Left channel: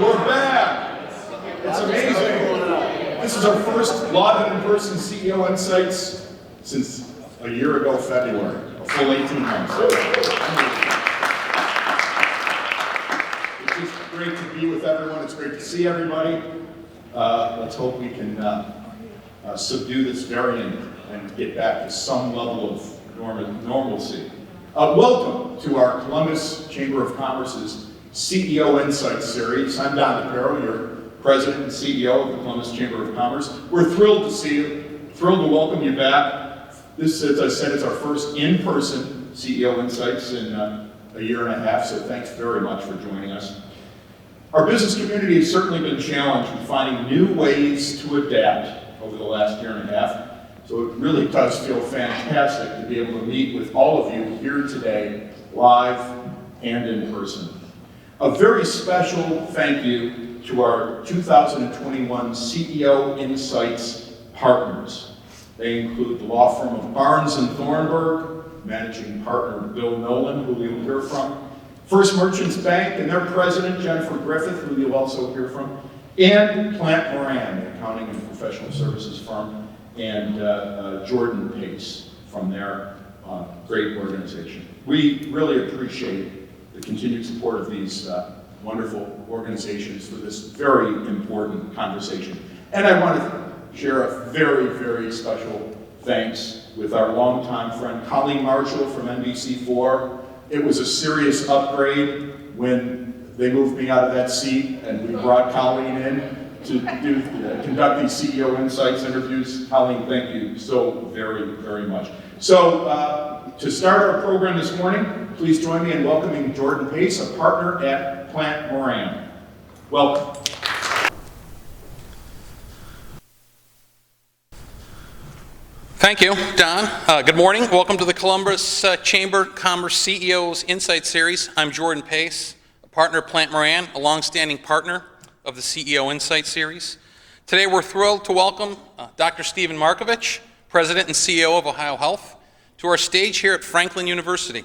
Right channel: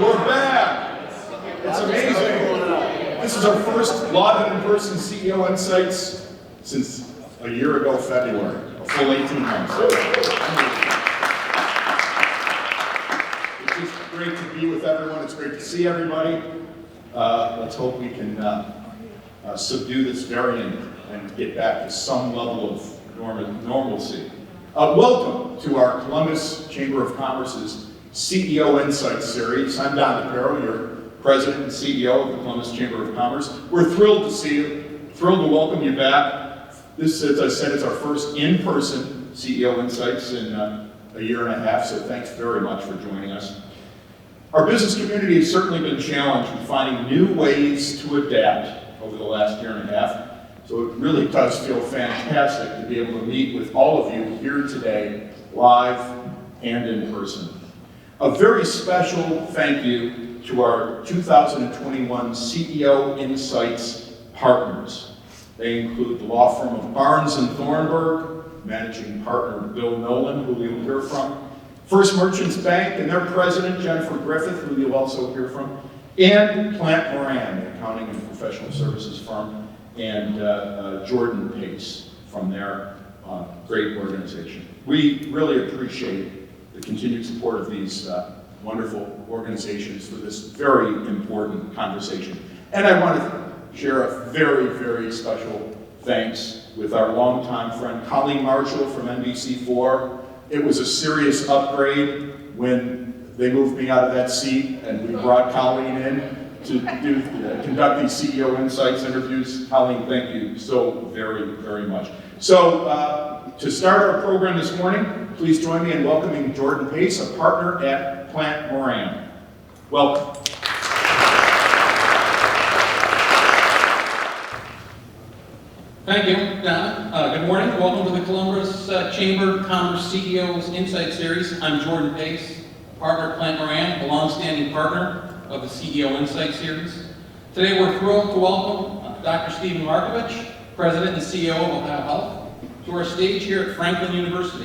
We're back. It's amazing. This is our first live and in-person CEO Insights since a year ago, February, a full 18 months. It's just great to be with everyone. It's great to see everybody. Let's hope we can subdue this variant and get back to some level of normalcy. Welcome to our Columbus Chamber of Commerce's CEO Insights series. I'm Don DePero, your President and CEO of the Columbus Chamber of Commerce. We're thrilled to see you, thrilled to welcome you back. This, as I said, is our first in-person CEO Insights in a year and a half, so thanks very much for joining us. Our business community has certainly been challenged with finding new ways to adapt over the last year and a half. So it really does feel fantastic to be able to meet with all of you here today, live and in person. A very special thank you to our 2021 CEO Insights partners. They include the law firm of Barnes & Thornburg, managing partner Bill Nolan, who you'll hear from, First Merchants Bank and their president, Jennifer Griffith, who you'll also hear from, and Plant Moran, an accounting and professional services firm, and Jordan Pace from their great organization. We really appreciate the continued support of these wonderful organizations for this very important conversation. And I want to share a very, very special thanks with our longtime friend Colleen Marshall from NBC4. It was a serious upgrade when they moved me out of that seat and we brought Colleen in to conduct these CEO Insights interviews. Colleen, thank you so very, very much. So to start our program this morning, please join me in welcoming Jordan Pace, a partner at Plant Moran. Welcome. Thank you, Don. Good morning. Welcome to the Columbus Chamber Commerce CEO's Insight Series. I'm Jordan Pace, partner at Plant Moran, a longstanding partner of the CEO Insight Series. Today we're thrilled to welcome Dr. Steve Markovich, President and CEO of OhioHealth, to our stage here at Franklin University.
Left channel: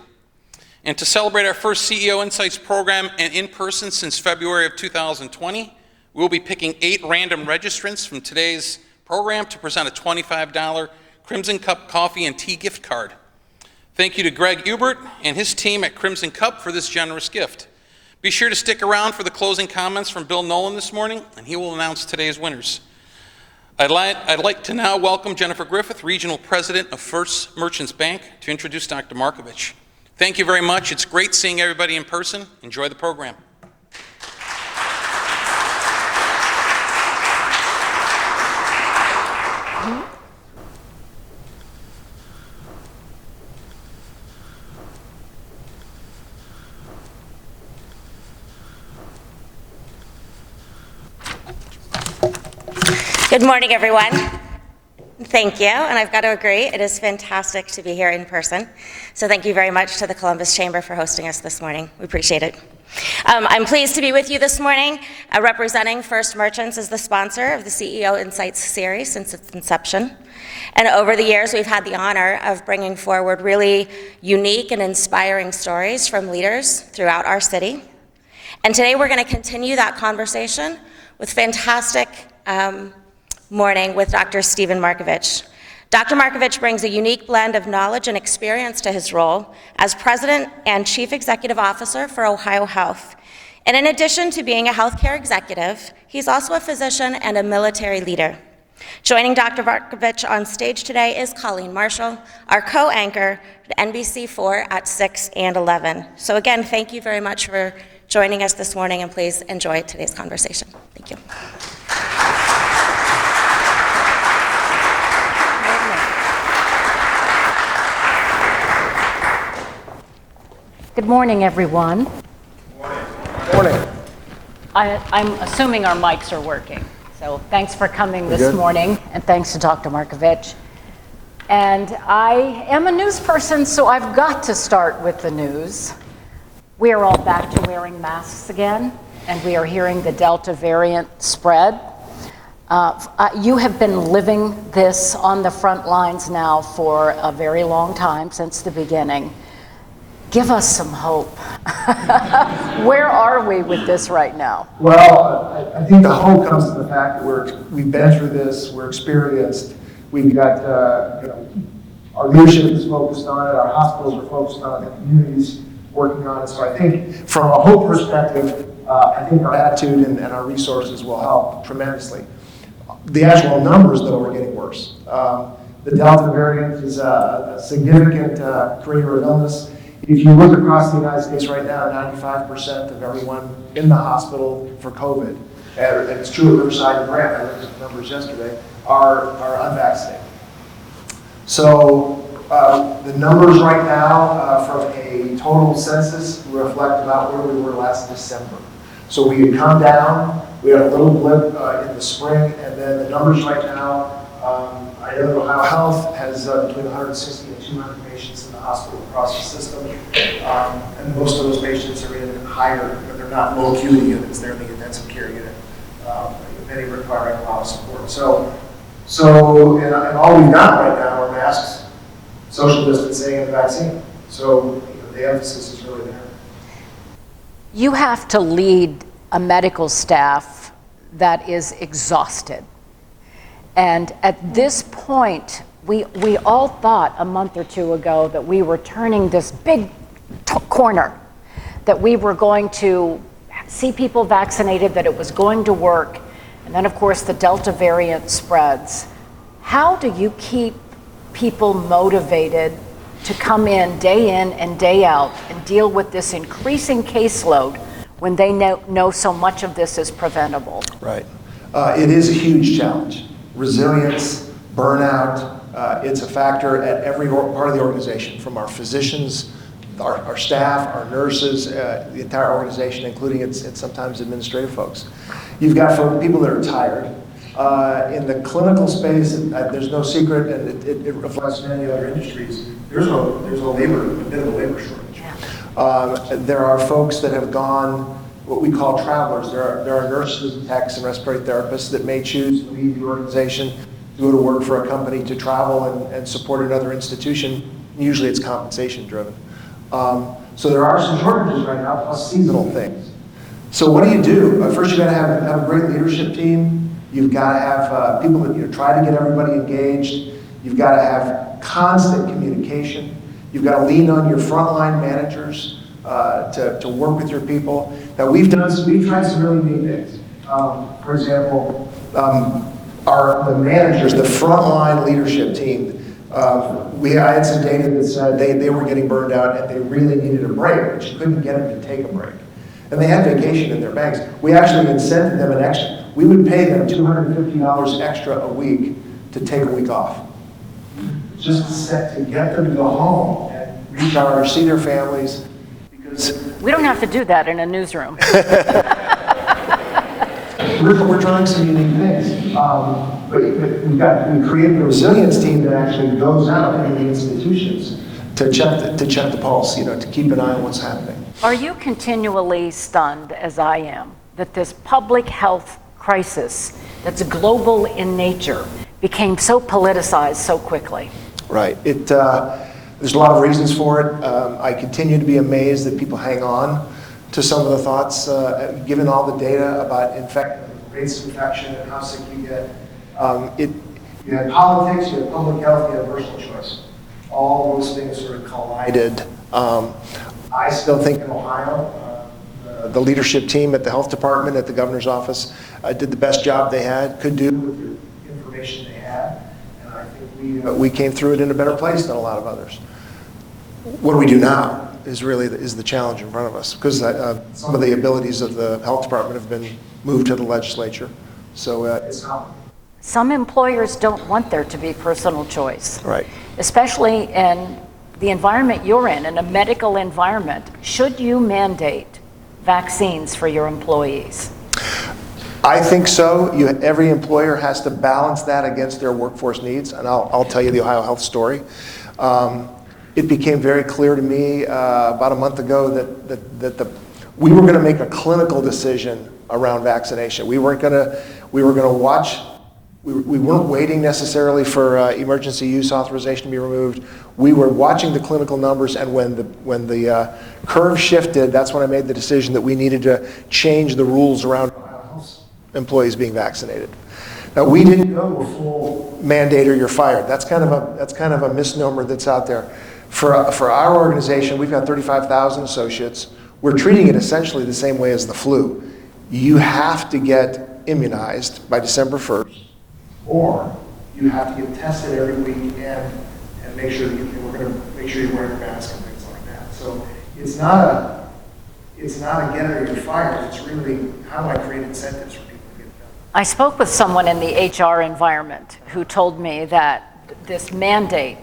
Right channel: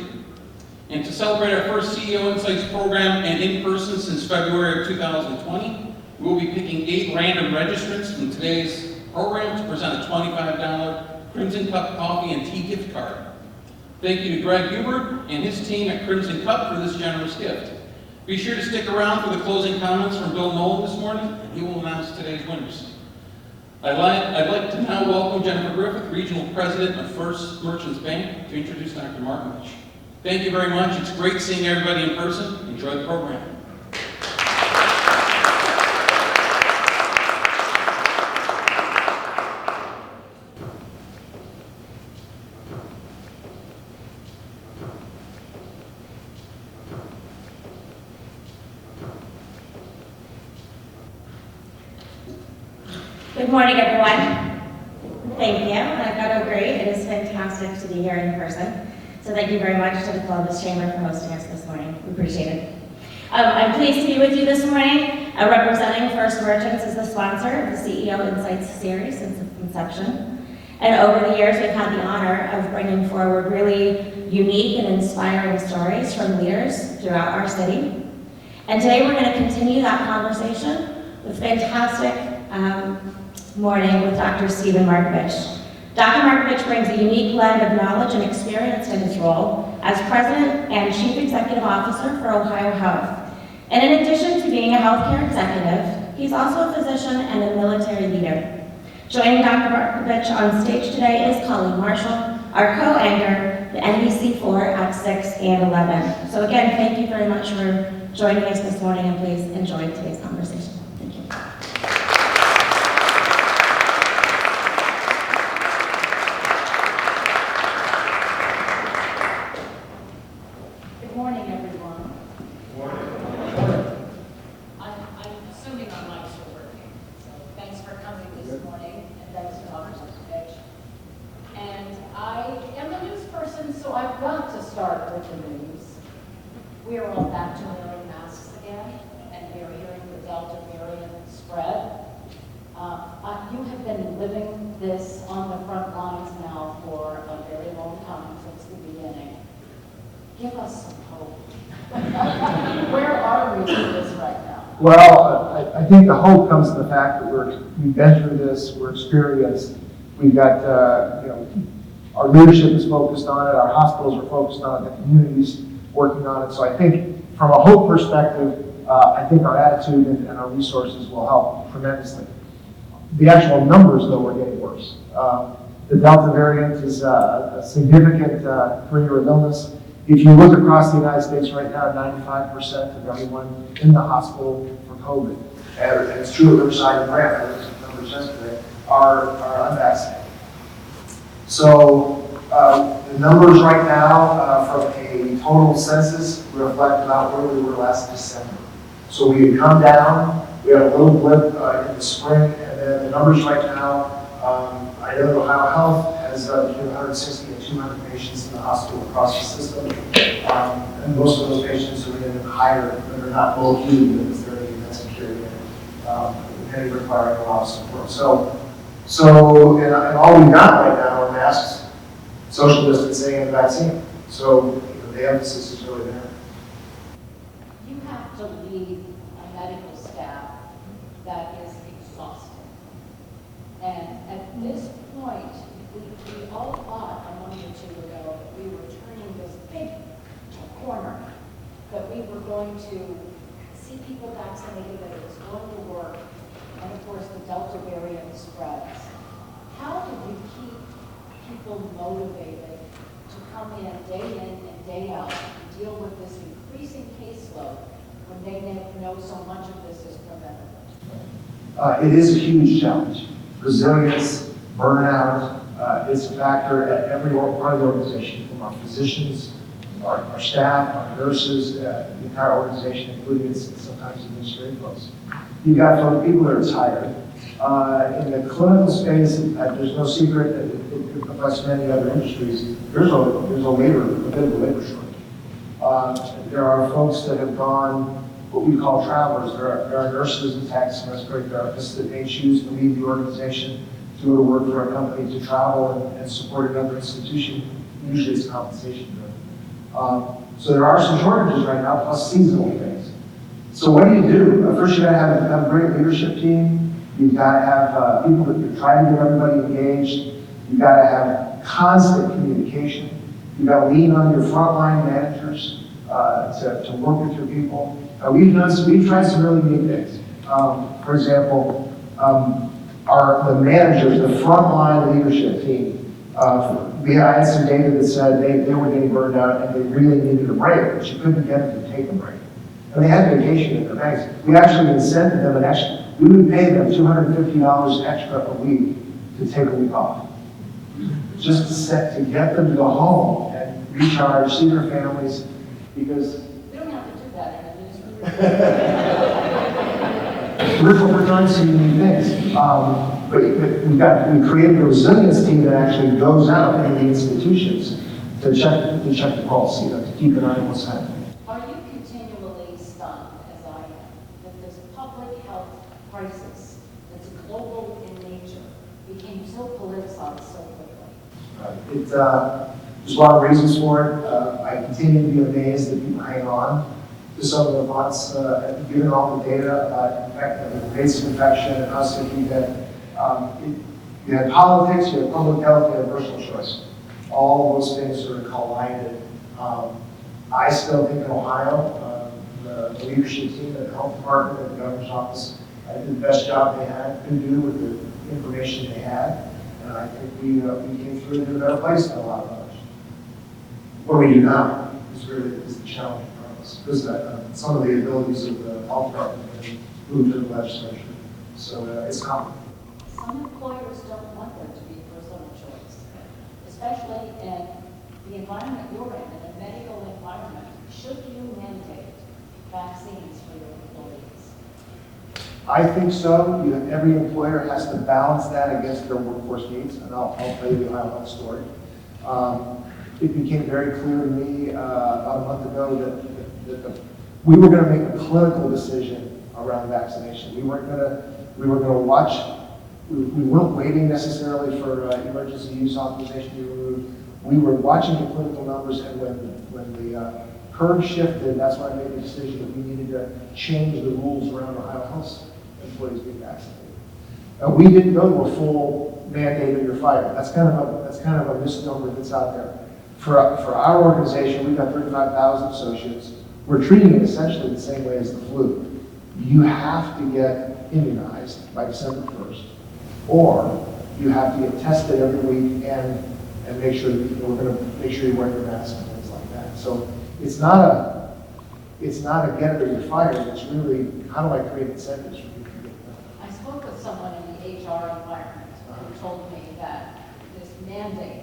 And to celebrate our first CEO Insights program and in person since February of 2020, we'll be picking 8 random registrants from today's program to present a $25 Crimson Cup coffee and tea gift card. Thank you to Greg Hubert and his team at Crimson Cup for this generous gift. Be sure to stick around for the closing comments from Bill Nolan this morning, and he will announce today's winners. I'd like to now welcome Jennifer Griffith, Regional President of First Merchants Bank, to introduce Dr. Markovich. Thank you very much. It's great seeing everybody in person. Enjoy the program. Good morning, everyone. Thank you, and I've got to agree, it is fantastic to be here in person. So thank you very much to the Columbus Chamber for hosting us this morning. We appreciate it. I'm pleased to be with you this morning, representing First Merchants as the sponsor of the CEO Insights series since its inception. And over the years, we've had the honor of bringing forward really unique and inspiring stories from leaders throughout our city. And today we're going to continue that conversation with fantastic morning with Dr. Steve Markovich. Dr. Markovich brings a unique blend of knowledge and experience to his role as President and Chief Executive Officer for OhioHealth. And in addition to being a healthcare executive, he's also a physician and a military leader. Joining Dr. Markovich on stage today is Colleen Marshall, our co-anchor, the NBC4 at 6 and 11. So again, thank you very much for joining us this morning, and please enjoy today's conversation. Thank you. Good morning, everyone. Good morning. I'm assuming our mics are working. So thanks for coming this morning, and thanks to Dr. Markovich. And I am a news person, so I've got to start with the news. We are all back to wearing masks again, and we are hearing the Delta variant spread. You have been living this on the front lines now for a very long time, since the beginning. Give us some hope. Where are we with this right now? Well, I think the hope comes from the fact that we've been through this, we're experienced, we've got, our leadership is focused on it, our hospitals are focused on it, the community's working on it. So I think from a hope perspective, I think our attitude and our resources will help tremendously. The actual numbers, though, are getting worse. The Delta variant is a significant career of illness. If you look across the United States right now, 95% of everyone in the hospital for COVID, and it's true at Riverside and Grant, I looked at the numbers yesterday, are unvaccinated. So the numbers right now from a total census reflect about where we were last December. So we had come down, we had a little blip in the spring, and then the numbers right now, I know that OhioHealth has between 160 and 200 patients in the hospital across the system. And most of those patients are in higher, they're not low acuity units, they're in the intensive care unit, many requiring a lot of support. And all we've got right now are masks, social distancing, and vaccine. So the emphasis is really there. You have to lead a medical staff that is exhausted. And at this point, we all thought a month or two ago that we were turning this big corner, that we were going to see people vaccinated, that it was going to work. And then, of course, the Delta variant spreads. How do you keep people motivated to come in and day out and deal with this increasing caseload when they know so much of this is preventable? Right. It is a huge challenge. Resilience, burnout, it's a factor at every part of the organization, from our physicians, our staff, our nurses, the entire organization, including and sometimes administrative folks. You've got people that are tired. In the clinical space, there's no secret, and it reflects many other industries. There's a bit of a labor shortage. There are folks that have gone what we call travelers. There are nurses and techs and respiratory therapists that may choose to leave the organization, go to work for a company, to travel and support another institution. Usually it's compensation driven. So there are some shortages right now, plus seasonal things. So what do? First, you got to have a great leadership team. You've got to have people that you try to get everybody engaged. You've got to have constant communication. You've got to lean on your frontline managers to work with your people. Now we've tried some really neat things. For example, the managers, the frontline leadership team, I had some data that said they were getting burned out and they really needed a break, but you couldn't get them to take a break. And they had vacation in their banks. We actually incented them an extra. We would pay them $250 extra a week to take a week off. Just to get them to go home and reach out or see their families. Because We don't have to do that in a newsroom. we're trying some unique things. But we created a resilience team that actually goes out into the institutions to check the pulse, to keep an eye on what's happening. Are you continually stunned, as I am, that this public health crisis that's global in nature became so politicized so quickly? Right. There's a lot of reasons for it. I continue to be amazed that people hang on to some of the thoughts, given all the data about rates of infection and how sick you get. You had politics, you had public health, you had personal choice. All those things sort of collided. I still think in Ohio, the leadership team at the health department, at the governor's office, did the best job they could do with the information they had. And I think we came through it in a better place than a lot of others. What do we do now is the challenge in front of us, because some of the abilities of the health department have been moved to the legislature. So it's common. Some employers don't want there to be personal choice. Right. Especially in the environment you're in a medical environment. Should you mandate vaccines for your employees? I think so. Every employer has to balance that against their workforce needs, and I'll tell you the OhioHealth story. It became very clear to me about a month ago that we were going to make a clinical decision around vaccination. We were going to watch. We weren't waiting necessarily for emergency use authorization to be removed. We were watching the clinical numbers, and when the curve shifted, that's when I made the decision that we needed to change the rules around OhioHealth employees being vaccinated. Now, we didn't go a full mandate or you're fired. That's kind of a misnomer that's out there. For our organization, we've got 35,000 associates. We're treating it essentially the same way as the flu. You have to get immunized by December 1st, or you have to get tested every week and make sure we're going to make sure you're wearing a mask and things like that. So it's not a get it or you're fired. It's really, how do I create incentives for people to get it done? I spoke with someone in the HR environment who told me that this mandate,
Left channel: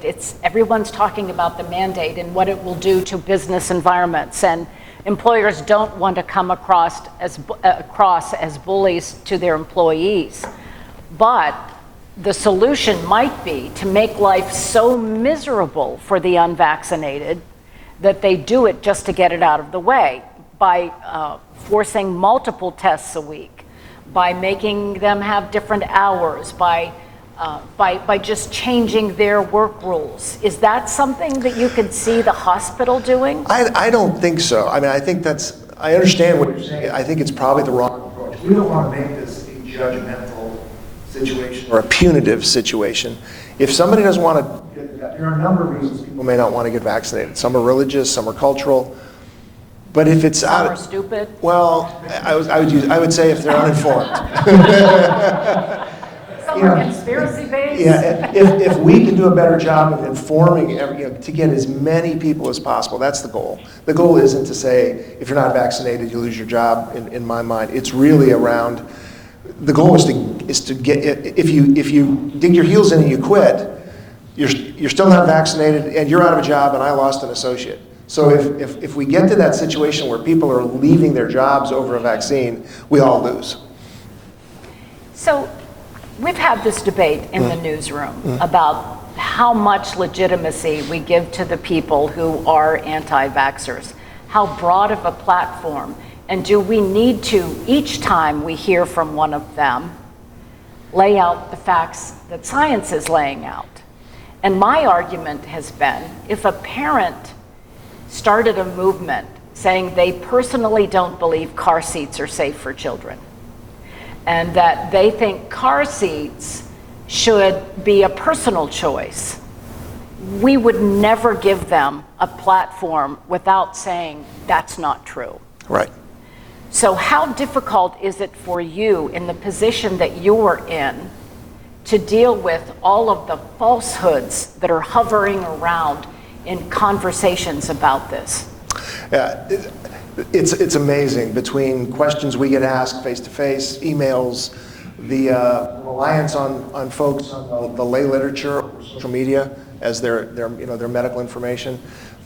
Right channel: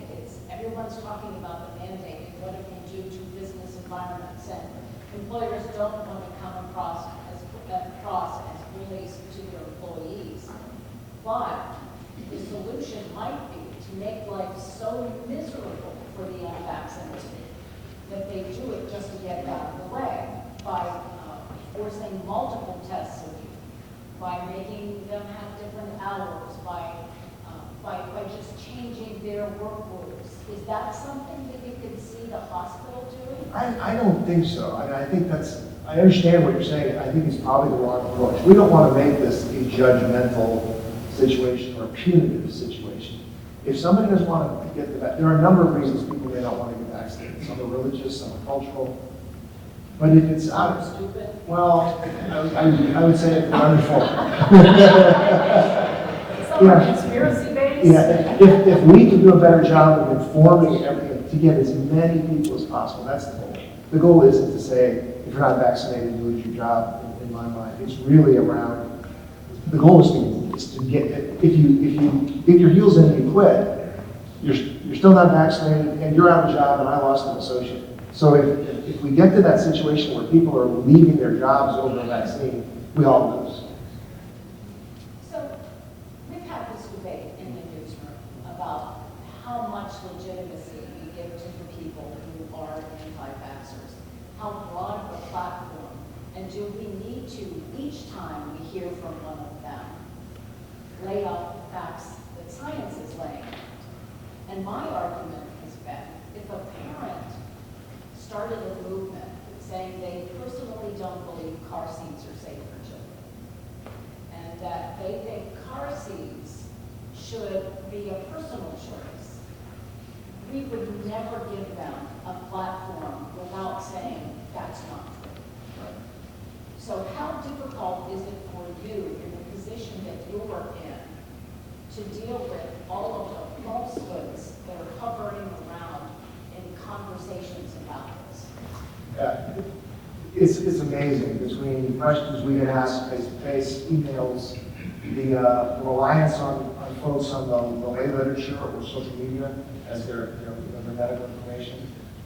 everyone's talking about the mandate and what it will do to business environments, and employers don't want to come across as bullies to their employees. But the solution might be to make life so miserable for the unvaccinated that they do it just to get it out of the way, by forcing multiple tests a week, by making them have different hours, by just changing their work rules. Is that something that you could see the hospital doing? I don't think so. I mean, I understand what you're saying. I think it's probably the wrong approach. We don't want to make this a judgmental situation or a punitive situation. If somebody doesn't want to get there are a number of reasons people may not want to get vaccinated. Some are religious, some are cultural. But if it's Some are stupid. well, I would say if they're uninformed. Conspiracy based? Yeah, if we can do a better job of informing to get as many people as possible, that's the goal. The goal isn't to say, if you're not vaccinated, you lose your job, in my mind. It's really around, the goal is to get, if you dig your heels in and you quit, you're still not vaccinated and you're out of a job and I lost an associate. So if we get to that situation where people are leaving their jobs over a vaccine, we all lose. So we've had this debate in the newsroom about how much legitimacy we give to the people who are anti-vaxxers, how broad of a platform, and do we need to, each time we hear from one of them, lay out the facts that science is laying out? And my argument has been, if a parent started a movement saying they personally don't believe car seats are safe for children, and that they think car seats should be a personal choice, we would never give them a platform without saying that's not true. Right. So how difficult is it for you in the position that you're in to deal with all of the falsehoods that are hovering around in conversations about this? Yeah, it's amazing, between questions we get asked face-to-face, emails, the reliance on folks on the lay literature or social media as their medical information,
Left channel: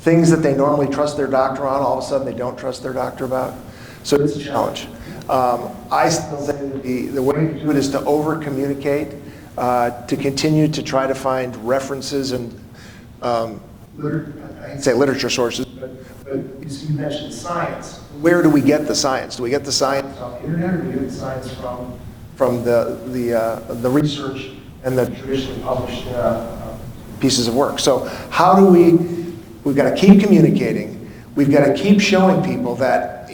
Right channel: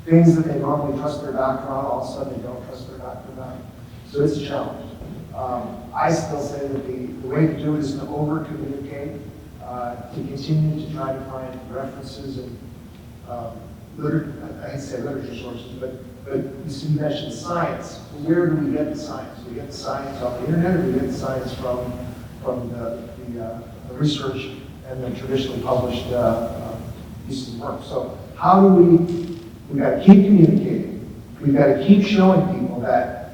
things that they normally trust their doctor on, all of a sudden they don't trust their doctor about. So it's a challenge. I still think the way to do it is to over-communicate, to continue to try to find references and I hate to say literature sources, but you mentioned science. Where do we get the science? Do we get the science off the internet, or do we get the science from the research and the traditionally published pieces of work? So how do we've got to keep communicating. We've got to keep showing people that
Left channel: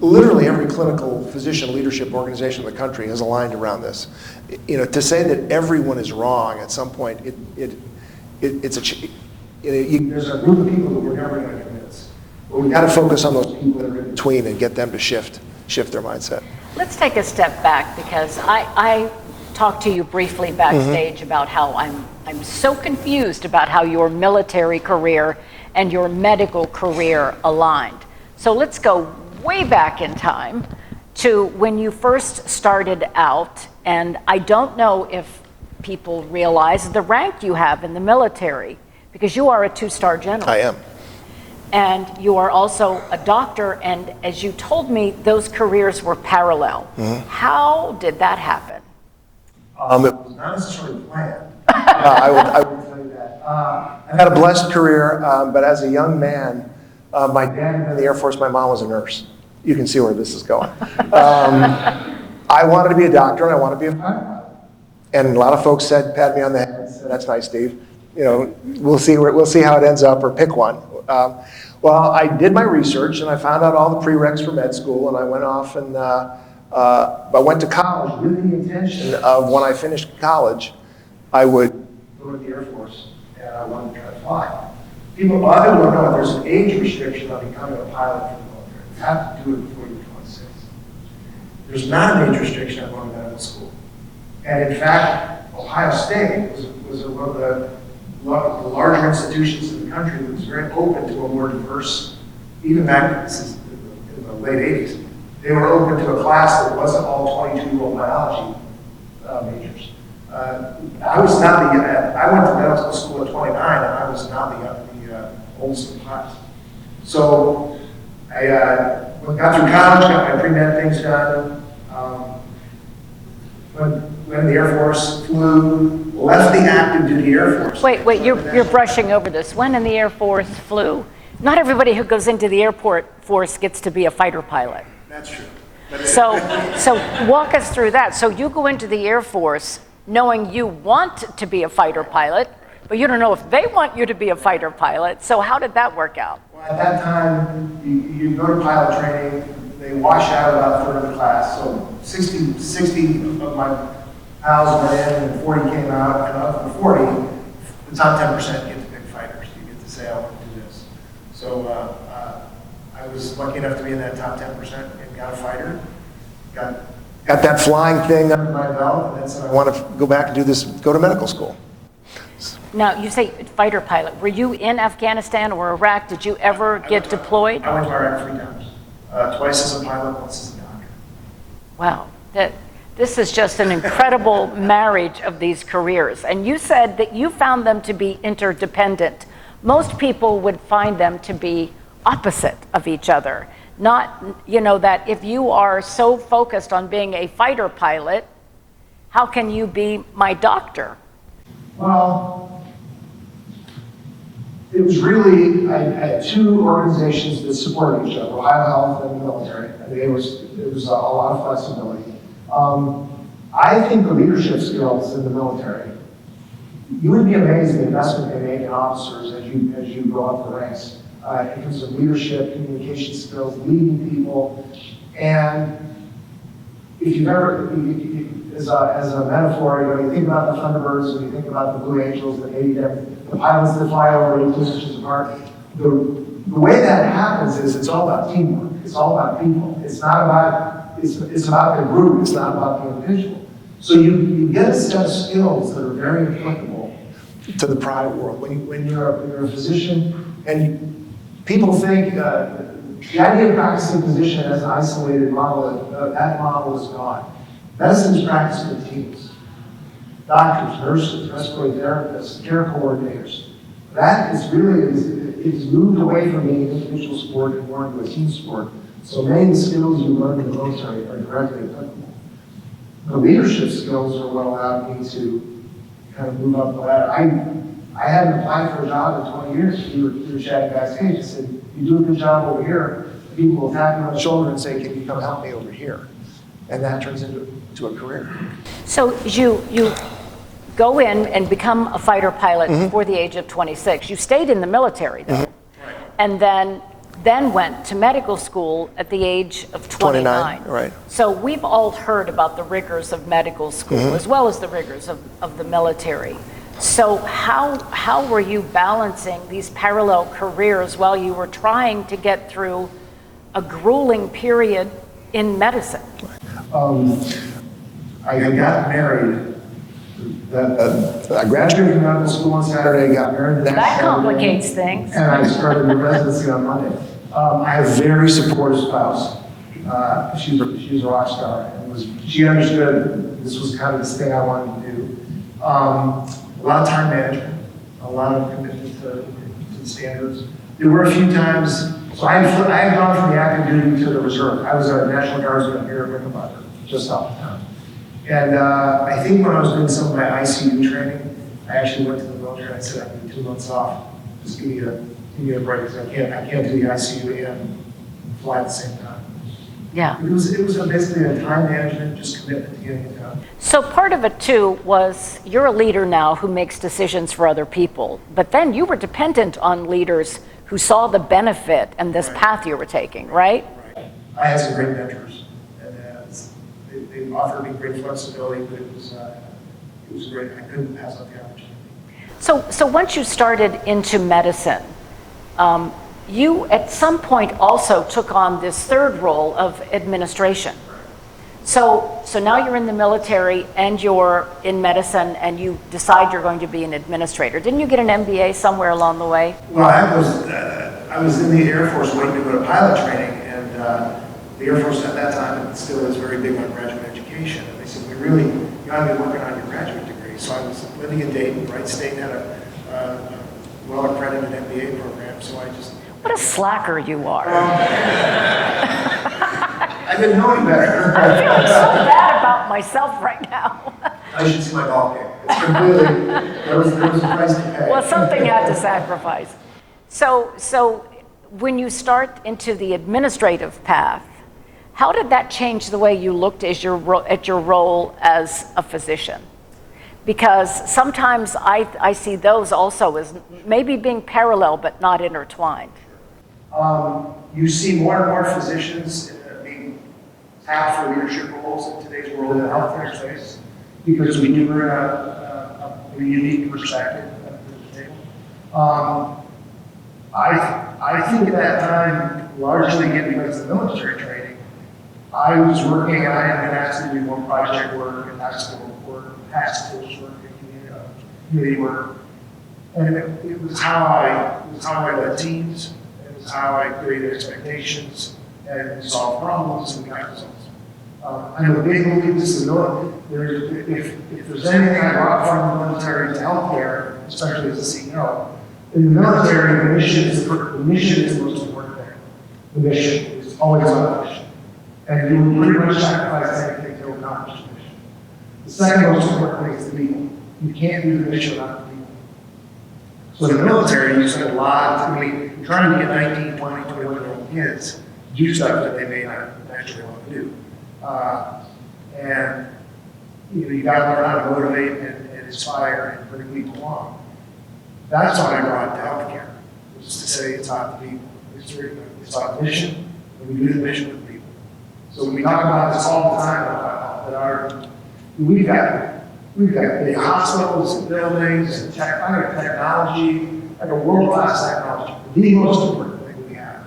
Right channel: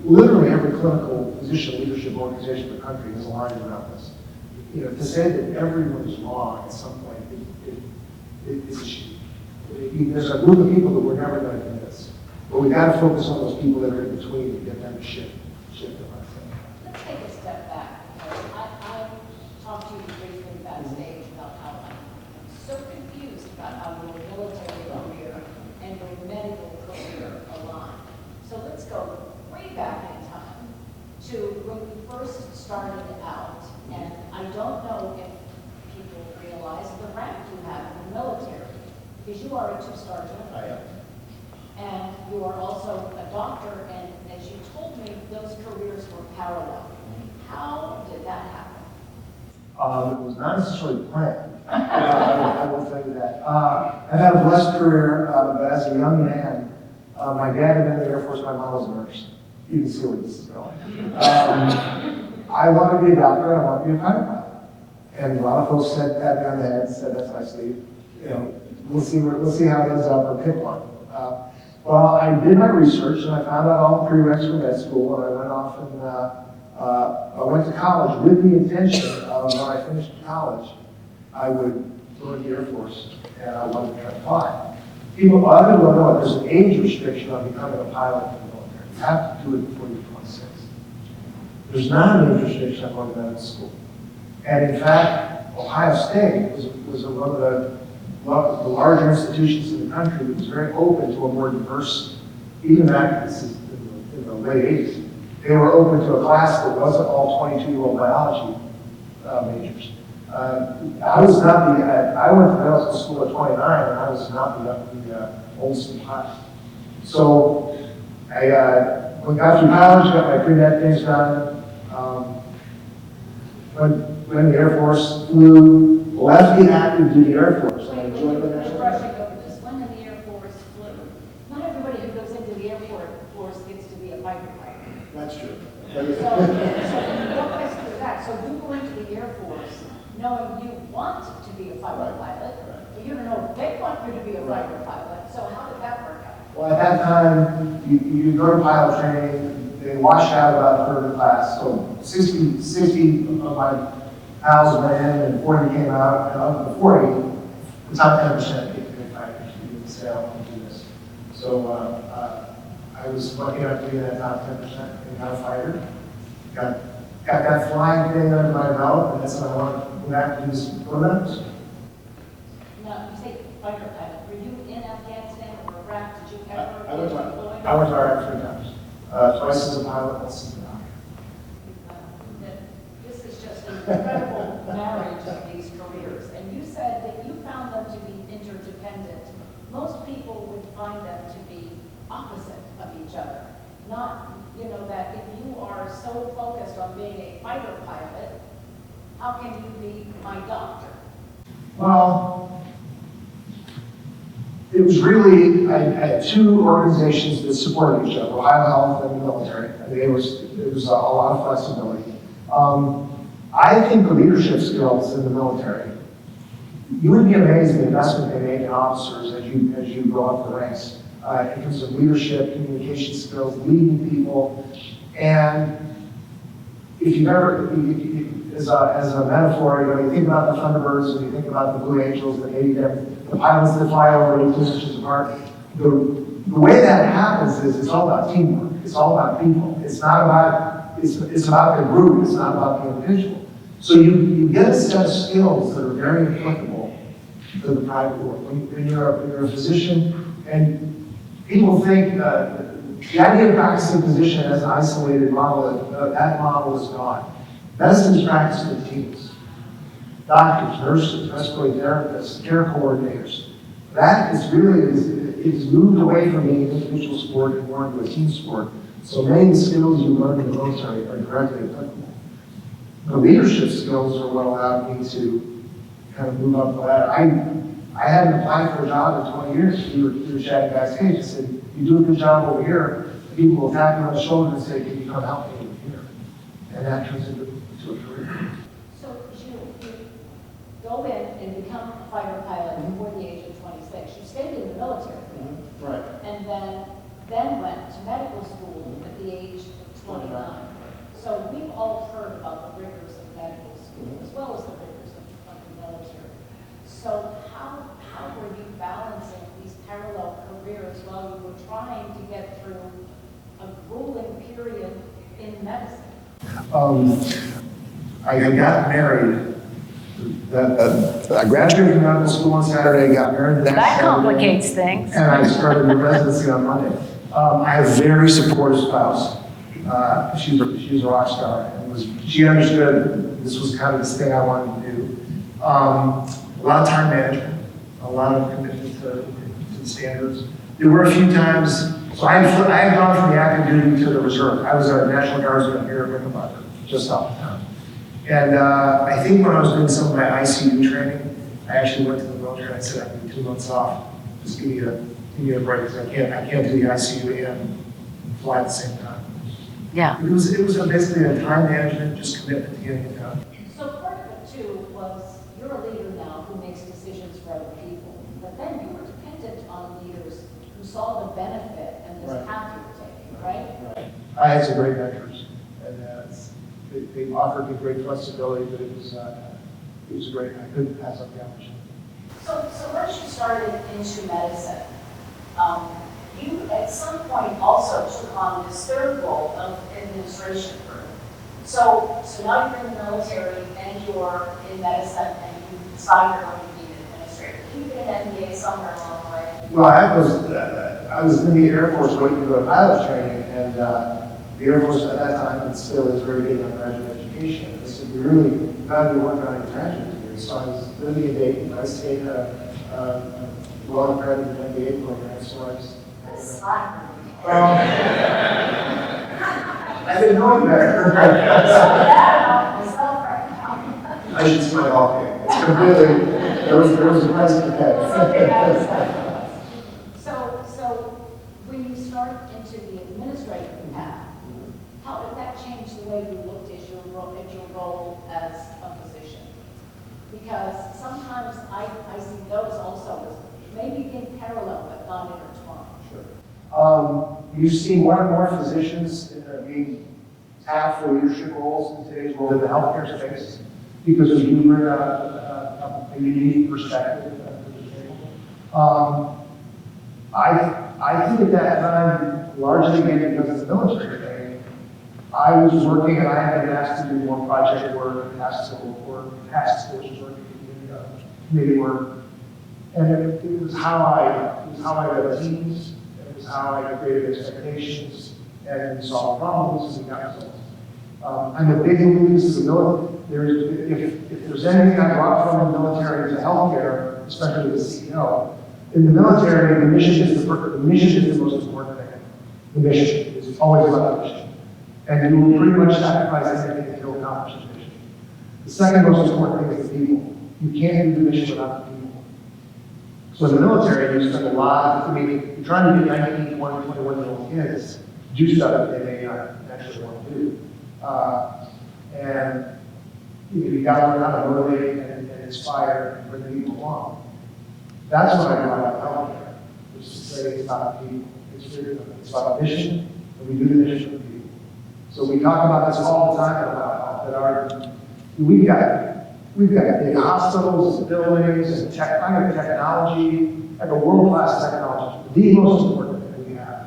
literally every clinical physician leadership organization in the country is aligned around this. To say that everyone is wrong at some point, there's a group of people that we're never going to convince. But we've got to focus on those people that are in between and get them to shift their mindset. Let's take a step back, because I talked to you briefly backstage about how I'm so confused about how your military career and your medical career aligned. So let's go way back in time to when you first started out, and I don't know if people realize the rank you have in the military, because you are a 2-star general. I am. And you are also a doctor, and as you told me, those careers were parallel. How did that happen? It was not necessarily planned. I will tell you that. I had a blessed career, but as a young man, my dad had been in the Air Force, my mom was a nurse. You can see where this is going. I wanted to be a doctor, and I wanted to be a pilot. And a lot of folks pat me on the head, said, "That's nice, Steve. we'll see how it ends up, or pick one. Well, I did my research and I found out all the prereqs for med school, and I went off and I went to college with the intention of, when I finished college, I would go to the Air Force and I wanted to try to fly. People, I don't know, there's an age restriction on becoming a pilot for the military. You have to do it before you're 26. There's not an age restriction on going to medical school. And in fact, Ohio State was one of the larger institutions in the country that was very open to a more diverse, even back in the late 80s. They were open to a class that wasn't all 22-year-old biology majors. I went to medical school at 29, and I was not the oldest in class. So I got through college, got my pre-med things done, went in the Air Force, flew, left the active duty Air Force. Wait, you're brushing over this. When in the Air Force flew? Not everybody who goes into the Air Force gets to be a fighter pilot. That's true. So walk us through that. So you go into the Air Force knowing you want to be a fighter pilot, but you don't know if they want you to be a fighter pilot. So how did that work out? Well, at that time, you go to pilot training, they wash out about a third of the class. So 60 of my pals went in and 40 came out, and of the 40, the top 10% get to be fighters. You get to say, I want to do this. So I was lucky enough to be in that top 10% and got a fighter. Got that flying thing under my belt, and then said I want to go back and do this, go to medical school. Now, you say fighter pilot. Were you in Afghanistan or Iraq? Did you ever get deployed? I went to Iraq 3 times, twice as a pilot, once as a doctor. Wow. This is just an incredible marriage of these careers. And you said that you found them to be interdependent. Most people would find them to be opposite of each other. Not, that if you are so focused on being a fighter pilot, how can you be my doctor? Well, it was really, I had 2 organizations that supported each other, OhioHealth and the military. I mean, it was a lot of flexibility. I think the leadership skills in the military, you would be amazed at the investment they make in officers as you go up the ranks. In terms of leadership, communication skills, leading people, and if you've ever, as a metaphor, you think about the Thunderbirds, and you think about the Blue Angels, the pilots that fly over 18 inches apart. The way that happens is it's all about teamwork. It's all about people. It's not about, it's about the group. It's not about the individual. So you get a set of skills that are very applicable to the private world. When you're a physician, and people think the idea of practicing physician as an isolated model, that model is gone. Medicine is practiced with teams. Doctors, nurses, respiratory therapists, care coordinators. That is really, it's moved away from being an individual sport and more into a team sport. So many of the skills you learn in the military are directly applicable. The leadership skills are what allowed me to kind of move up the ladder. I hadn't applied for a job in 20 years. We were chatting backstage. I said, you do a good job over here, people will tap you on the shoulder and say, can you come help me over here? And that turns into a career. So you go in and become a fighter pilot before the age of 26. You stayed in the military, though, and then went to medical school at the age of 29. Right. So we've all heard about the rigors of medical school as well as the rigors of the military. So how were you balancing these parallel careers while you were trying to get through a grueling period in medicine? I got married. I graduated from medical school on Saturday, got married the next That Saturday, complicates things. and I started the residency on Monday. I have a very supportive spouse. She's a rock star, and she understood this was kind of this thing I wanted to do. A lot of time management, a lot of commitment to the standards. There were a few times, so I had gone from the active duty to the reserve. I was a National Guardsman here at Rickenbacker, just off the town. And I think when I was doing some of my ICU training, I actually went to the military and I said, I need 2 months off. Just give me a break, because I can't do the ICU and fly at the same time. Yeah. It was basically a time management, just commitment to getting it done. So part of it too was you're a leader now who makes decisions for other people, but then you were dependent on leaders who saw the benefit and this path you were taking, right? I had some great mentors, and they offered me great flexibility, but it was great. I couldn't pass up the opportunity. So once you started into medicine, you at some point also took on this third role of administration. So now you're in the military and you're in medicine and you decide you're going to be an administrator. Didn't you get an MBA somewhere along the way? Well, I was in the Air Force waiting to go to pilot training, and the Air Force at that time still is very big on graduate education. And they said, you gotta be working on your graduate degree. So I was living in Dayton, Wright State had a well-accredited MBA program, so I just... What a slacker you are. I didn't know any better. I feel so bad about myself right now. I should see my golf game. It's completely, there was a price to pay. Well, something had to sacrifice. So when you start into the administrative path, how did that change the way you looked at your role as a physician? Because sometimes I see those also as maybe being parallel but not intertwined. You see more and more physicians being tapped for leadership roles in today's world in the healthcare space because we do bring a unique perspective to the table. I think at that time, largely again because of the military training, I was working and I had been asked to do more project work and task force work, committee work, and it was how I led teams. It was how I created expectations and solved problems and got results. I'm a big believer if there's anything I brought from the military to healthcare, especially as a CEO, in the military, the mission is the most important thing. The mission is always about the mission. And you will pretty much sacrifice anything to accomplish the mission. The second most important thing is the people. You can't do the mission without the people. So in the military, you spend a lot you're trying to get 19, 20, 21-year-old kids to do stuff that they may not actually want to do. And you got to learn how to motivate and inspire and bring people along. That's why I brought it to healthcare, which is to say it's about the people. It's about mission, and we do the mission with people. So we talk about this all the time that we've got big hospitals and buildings and technology, like a world-class technology. The most important thing we have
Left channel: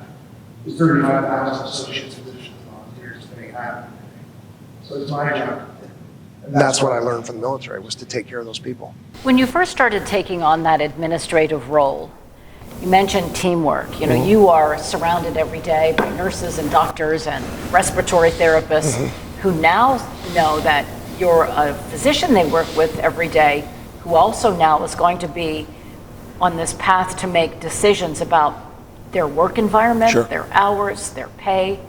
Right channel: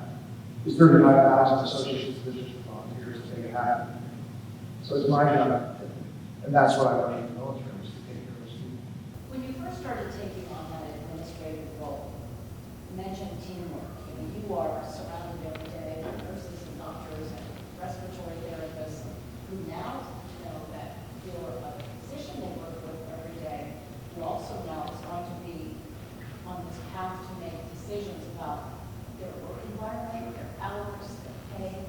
is 35,000 associates, physicians, and volunteers to make it happen. So it's my job. And that's what I learned from the military, was to take care of those people. When you first started taking on that administrative role, you mentioned teamwork. You are surrounded every day by nurses and doctors and respiratory therapists who now know that you're a physician they work with every day, who also now is going to be on this path to make decisions about their work environment, their hours, their pay.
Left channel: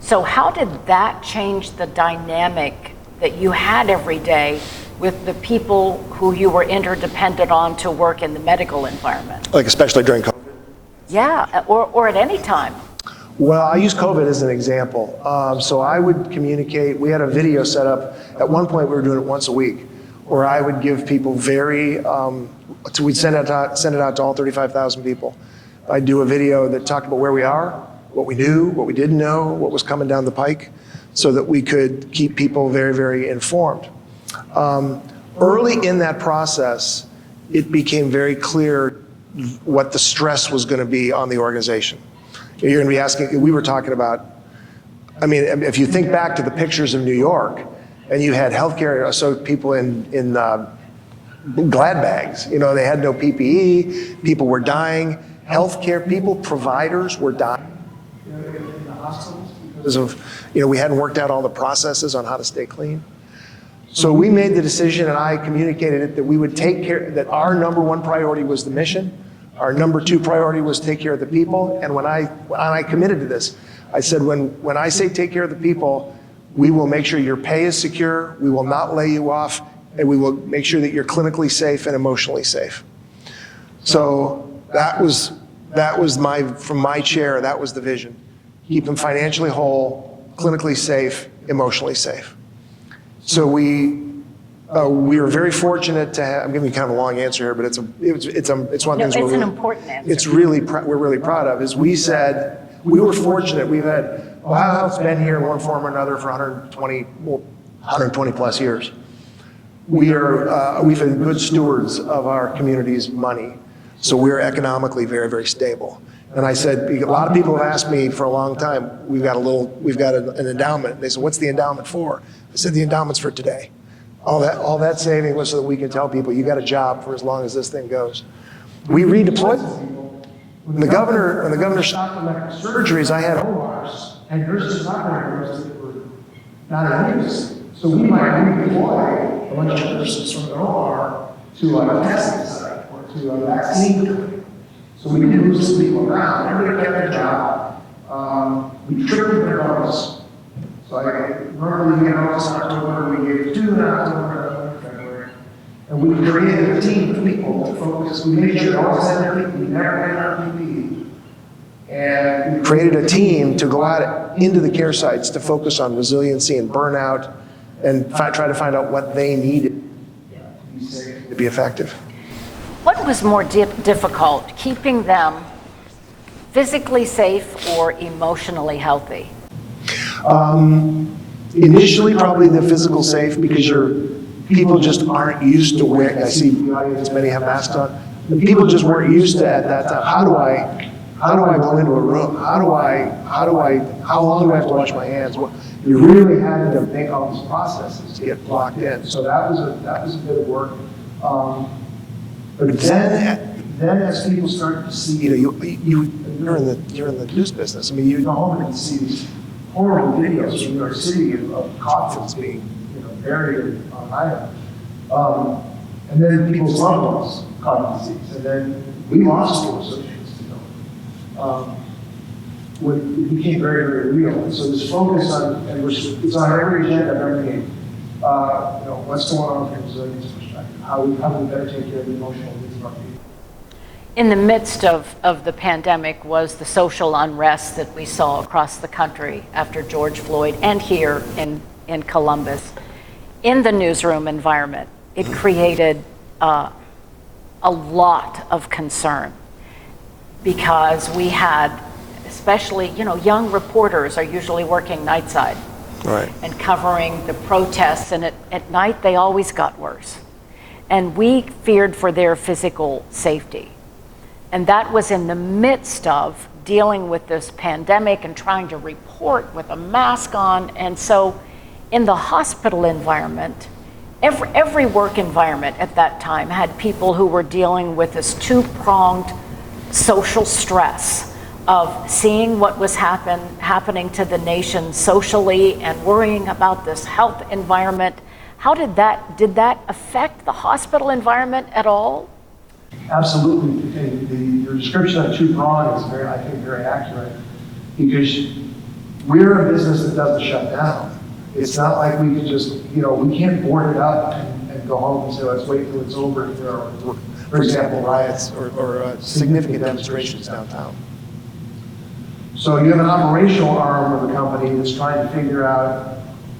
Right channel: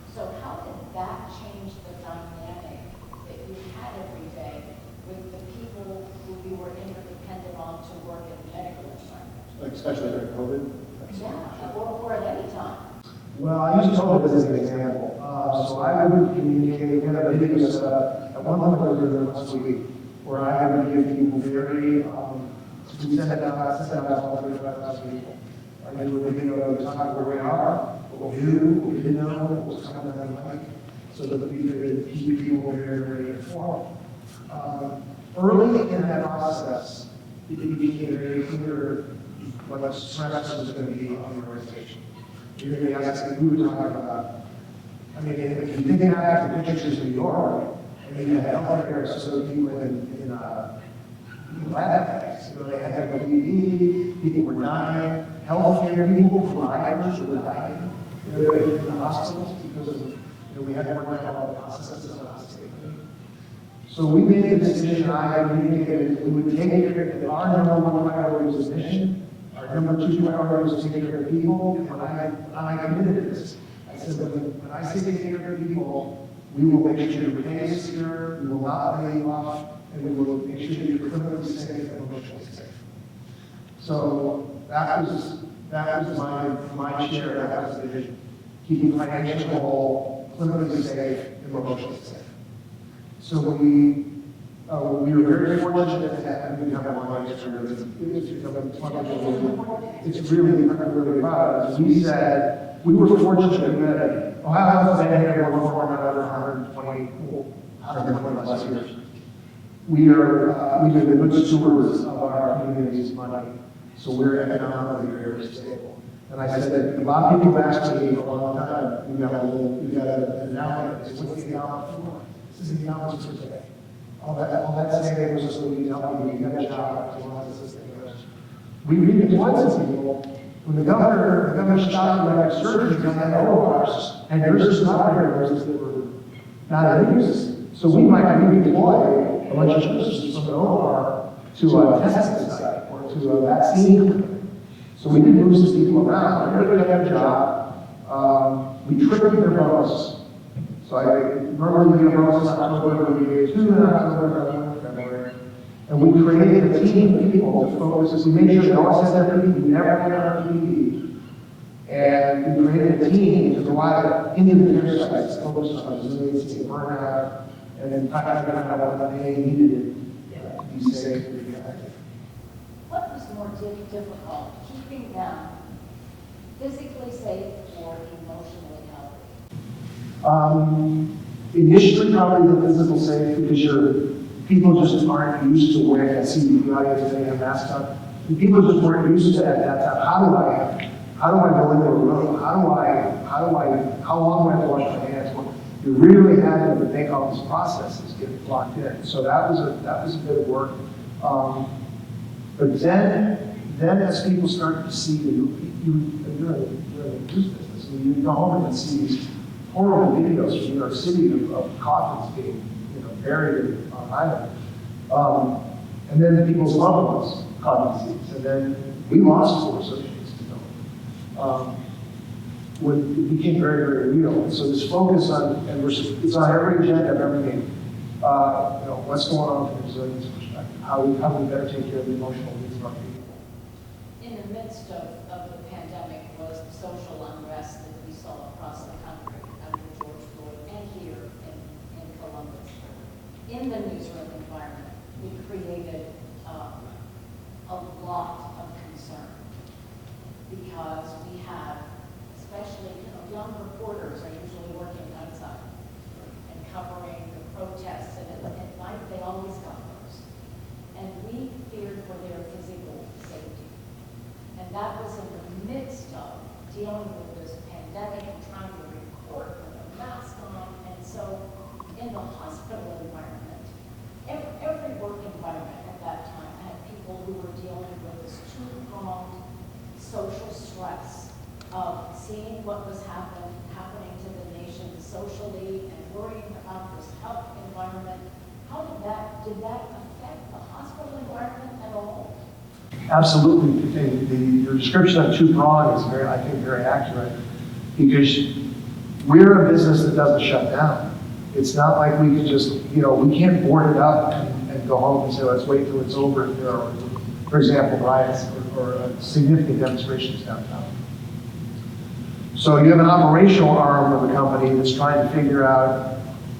So how did that change the dynamic that you had every day with the people who you were interdependent on to work in the medical environment? Like especially during COVID? Yeah, or at any time. Well, I use COVID as an example. So I would communicate, we had a video set up. At one point we were doing it once a week, where I would give people we'd send it out to all 35,000 people. I'd do a video that talked about where we are, what we knew, what we didn't know, what was coming down the pike, so that we could keep people very, very informed. Early in that process, it became very clear what the stress was going to be on the organization. You're going to be asking, we were talking about, if you think back to the pictures of New York, and you had healthcare, so people in glad bags, they had no PPE, people were dying, healthcare people, providers were dying in the hospitals because of, we hadn't worked out all the processes on how to stay clean. So we made the decision, and I communicated it, that we would take care, that our number one priority was the mission, our number two priority was take care of the people, and when I committed to this, I said, when I say take care of the people, we will make sure your pay is secure, we will not lay you off, and we will make sure that you're clinically safe and emotionally safe. So that was from my chair, that was the vision. Keep them financially whole, clinically safe, emotionally safe. So we We were very fortunate to have, I'm giving you kind of a long answer here, but it's one of the things It's an important answer. it's really, we're really proud of, is we said, we were fortunate, we had, OhioHealth's been here in one form or another for 120 plus years. We've been good stewards of our community's money, so we're economically very, very stable. And I said, a lot of people have asked me for a long time, we've got an endowment. They said, what's the endowment for? I said, the endowment's for today. All that saving was so that we could tell people, you got a job for as long as this thing goes. We redeployed some people. When the governor stopped elective surgeries, I had ORs and nurses and operating rooms that were not in use. So we might redeploy a bunch of nurses from the OR to a testing site or to a vaccine clinic. So we didn't move some people around. Everybody kept their job. We tripled their bonus. So normally we get bonus in October, we gave 2 in October, and 1 in February. And we created a team of people to focus. We made sure they always had their PPE, we never had our PPE. And we created a team to go out into the care sites to focus on resiliency and burnout and try to find out what they needed to be safe, to be effective. What was more difficult, keeping them physically safe or emotionally healthy? Initially, probably the physical safe, because people just aren't used to wearing. I see the audience, many have masks on. The people just weren't used to that. How do I go into a room? How long do I have to wash my hands? Well, you really had to make all these processes to get locked in. So that was a bit of work. But then as people started to see, you're in the news business. I mean, you go home and see these horrible videos from New York City of coffins being, buried on island. And then people's loved ones caught the disease. And then we lost 4 associates to COVID. It became very, very real. And so this focus on, it's on every agenda of every meeting. What's going on from a resilience perspective? How we better take care of the emotional needs of our people. In the midst of the pandemic was the social unrest that we saw across the country after George Floyd and here in Columbus. In the newsroom environment, it created a lot of concern because we had, especially, young reporters are usually working nightside. Right. And covering the protests, and at night they always got worse. And we feared for their physical safety. And that was in the midst of dealing with this pandemic and trying to report with a mask on. And so in the hospital environment, every work environment at that time had people who were dealing with this 2-pronged social stress of seeing what was happening to the nation socially and worrying about this health environment. How did that affect the hospital environment at all? Absolutely. Your description of 2-pronged is I think very accurate, because we're a business that doesn't shut down. It's not like we can just, we can't board it up and go home and say, let's wait till it's over if there are, for example, riots or significant demonstrations downtown. So you have an operational arm of the company that's trying to figure out,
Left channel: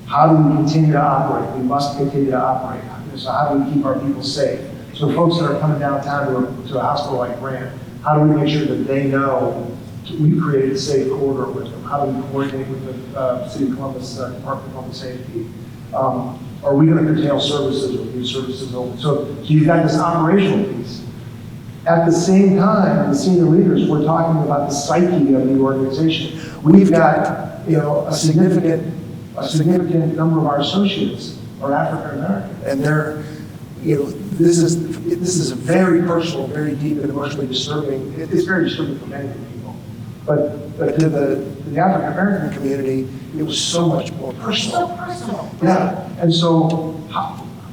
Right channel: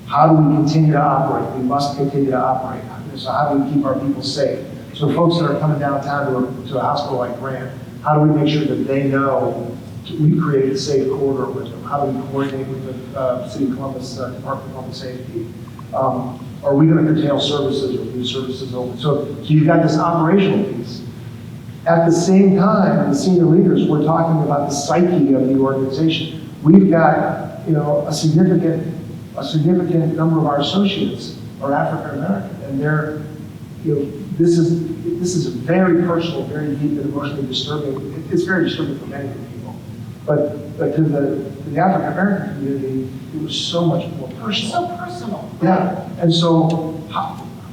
how do we continue to operate? We must continue to operate. So how do we keep our people safe? So folks that are coming downtown to a hospital like Grant, how do we make sure that they know we've created a safe corridor with them? How do we coordinate with the City of Columbus Department of Public Safety? Are we going to curtail services or leave services open? So you've got this operational piece. At the same time, the senior leaders, we're talking about the psyche of the organization. We've got, a significant number of our associates are African American, and they're, this is very personal, very deep and emotionally disturbing. It's very disturbing for many people, but to the African American community, it was so much more personal. So personal. Yeah, and so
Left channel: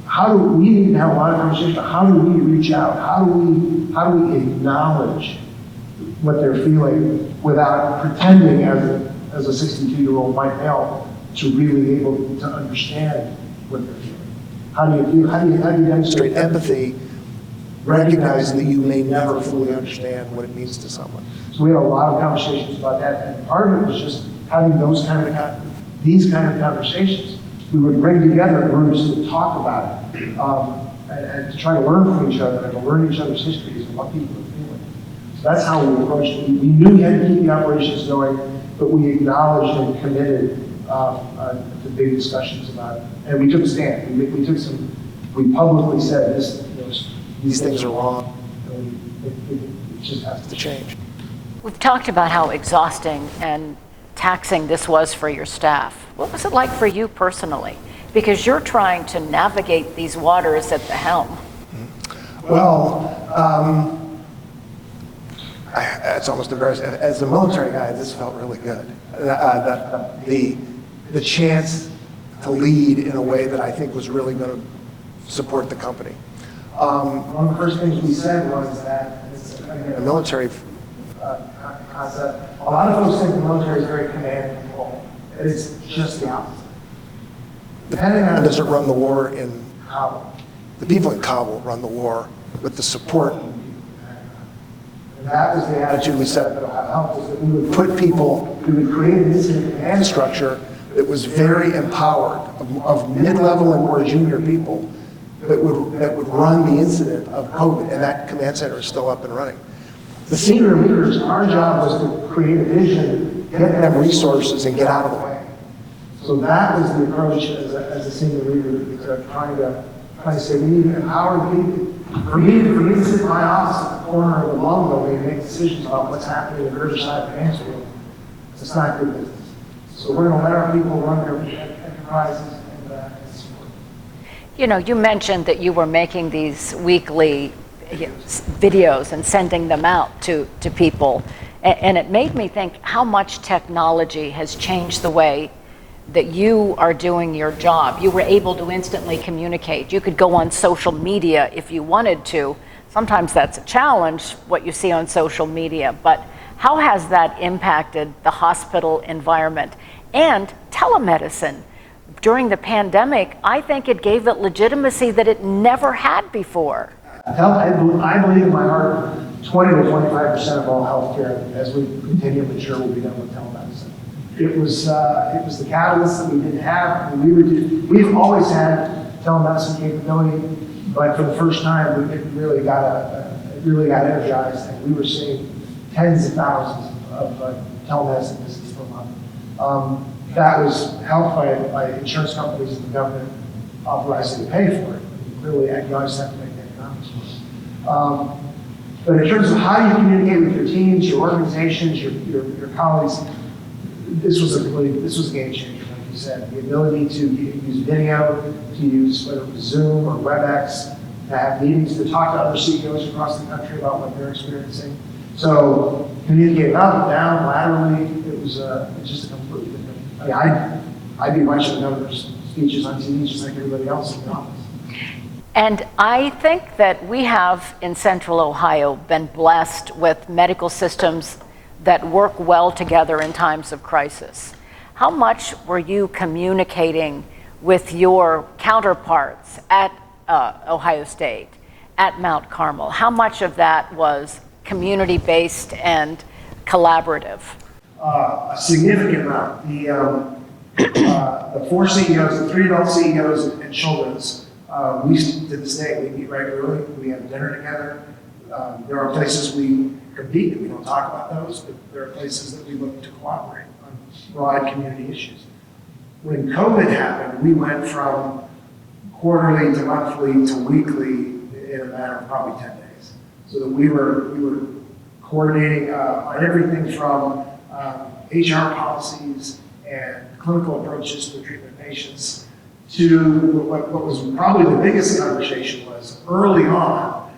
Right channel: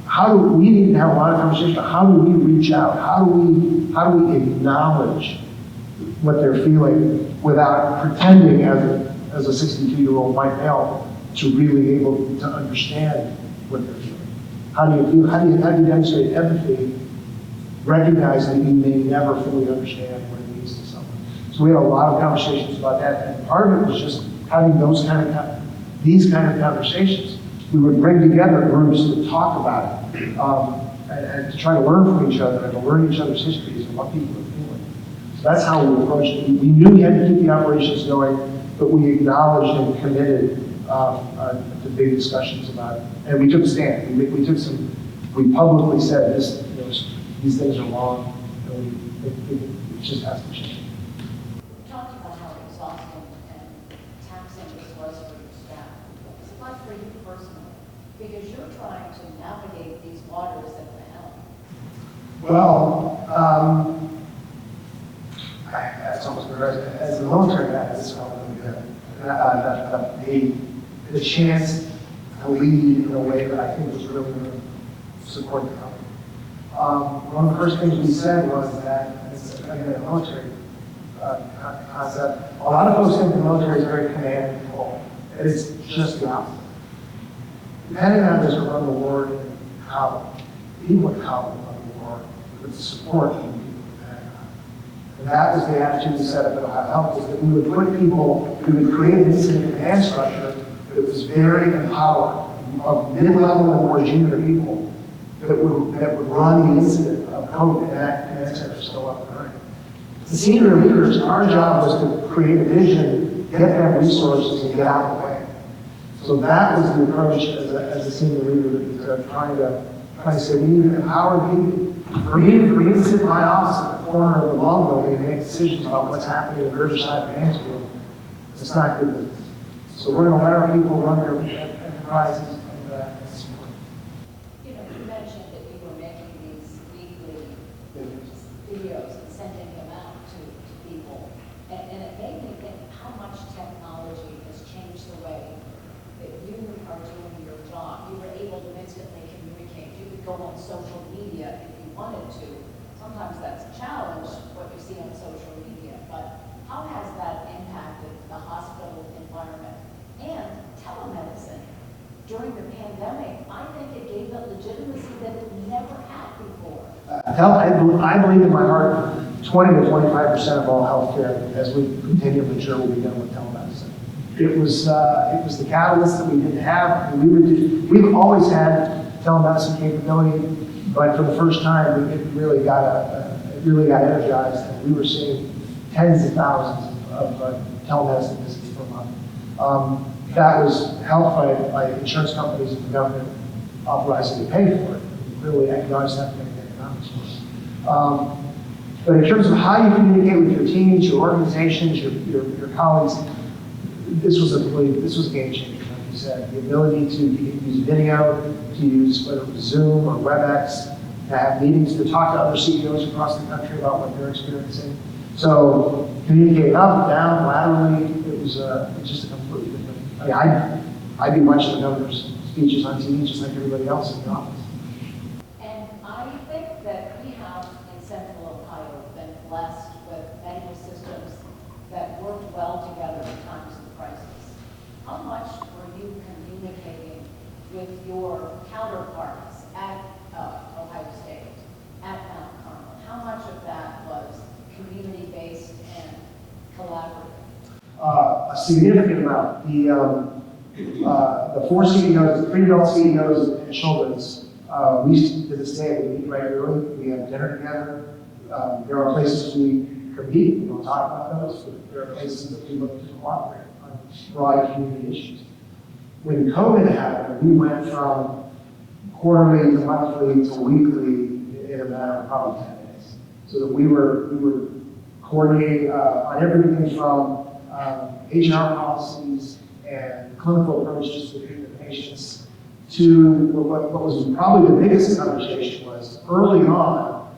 how do we need to have a lot of conversation? How do we reach out? How do we acknowledge what they're feeling without pretending as a 62-year-old white male to really able to understand what they're feeling? How do you demonstrate empathy, recognizing that you may never fully understand what it means to someone? So we had a lot of conversations about that, and part of it was just having these kind of conversations. we would bring together groups to talk about it, and to try to learn from each other and to learn each other's histories and what people are feeling. So that's how we approached it. We knew we had to keep the operations going, but we acknowledged and committed to big discussions about it. And we took a stand. We publicly said these things are wrong, and it just has to change. We've talked about how exhausting and taxing this was for your staff. What was it like for you personally? Because you're trying to navigate these waters at the helm. Well, it's almost embarrassing. As a military guy, this felt really good. The chance to lead in a way that I think was really going to support the company. One of the first things we said was that, it's again a military concept, a lot of folks think the military is very command and control. And it's just the opposite. The Pentagon doesn't run the war in Kabul. The people in Kabul run the war with the support of the people in the Pentagon. And that was the attitude we set at OhioHealth. We would put people, we would create this command structure that was very empowered of mid-level and more junior people that would run the incident of COVID, and that command center is still up and running. The senior leaders, our job was to create a vision, get them resources, and get out of the way. So that was the approach as a senior leader, trying to say, we need to empower people. For me to sit in my office at the corner of the lawnmower and make decisions about what's happening in the British side of Mansfield, it's not good business. So we're going to let our people run their enterprises. You know, you mentioned that you were making these weekly videos and sending them out to people. And it made me think how much technology has changed the way that you are doing your job. You were able to instantly communicate. You could go on social media if you wanted to. Sometimes that's a challenge, what you see on social media, but how has that impacted the hospital environment? And telemedicine. During the pandemic, I think it gave it legitimacy that it never had before. I believe in my heart 20 to 25% of all healthcare, as we continue to mature, will be done with telemedicine. It was the catalyst that we didn't have. We've always had telemedicine capability, but for the first time, it really got energized, and we were seeing tens of thousands of telemedicine visits per month. That was helped by insurance companies and the government authorized to pay for it. Really acknowledged that to make economics work. But in terms of how you communicate with your teams, your organizations, your colleagues, this was a game changer. Like you said, the ability to use video, to use whether it was Zoom or WebEx, to have meetings, to talk to other CEOs across the country about what they're experiencing. So communicate up, down, laterally. It was just a completely different. I mean, I'd be watching the governor's speeches on TV just like everybody else in the office. And I think that we have in Central Ohio been blessed with medical systems that work well together in times of crisis. How much were you communicating with your counterparts at Ohio State, at Mount Carmel? How much of that was community-based and collaborative? A significant amount. The four CEOs, the three adult CEOs and children's, we to this day, we meet regularly, we have dinner together. There are places we compete, we don't talk about those, but there are places that we look to cooperate on broad community issues. When COVID happened, we went from quarterly to monthly to weekly in a matter of probably 10 days. So that we were coordinating on everything from HR policies and clinical approaches to treatment of patients to what was probably the biggest conversation was early on,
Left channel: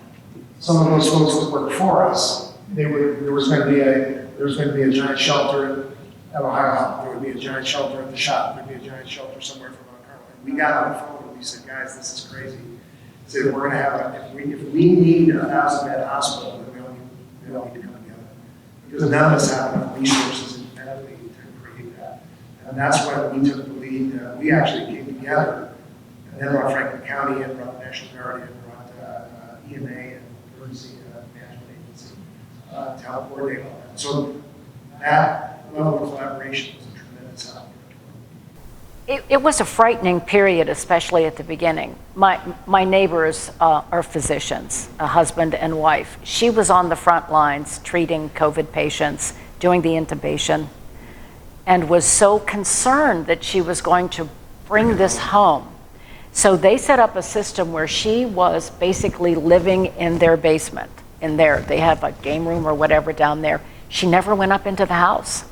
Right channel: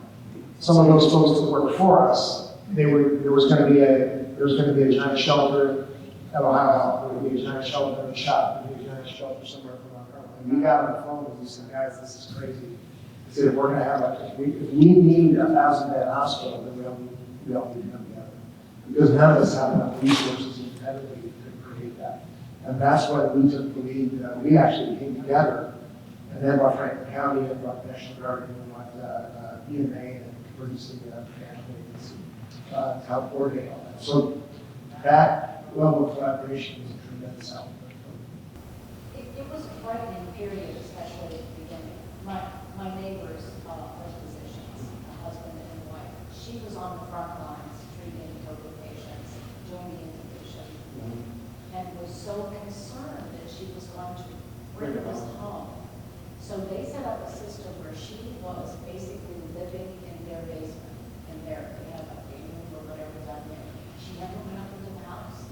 some of those folks that worked for us, there was going to be a giant shelter at OhioHealth, there would be a giant shelter at the shop, there would be a giant shelter somewhere from Mount Carmel. And we got on the phone and we said, guys, this is crazy. We said, we're going to have, if we need a 1,000-bed hospital, we all need to come together. Because none of us have enough resources independently to create that. And that's when we took the lead. We actually came together, and then brought Franklin County and brought the National Guard and brought EMA and emergency maintenance to help coordinate all that. So that level of collaboration was a tremendous help. It was a frightening period, especially at the beginning. My neighbors are physicians, a husband and wife. She was on the front lines treating COVID patients, doing the intubation, and was so concerned that she was going to bring this home. So they set up a system where she was basically living in their basement. They have a game room or whatever down there. She never went up into the house.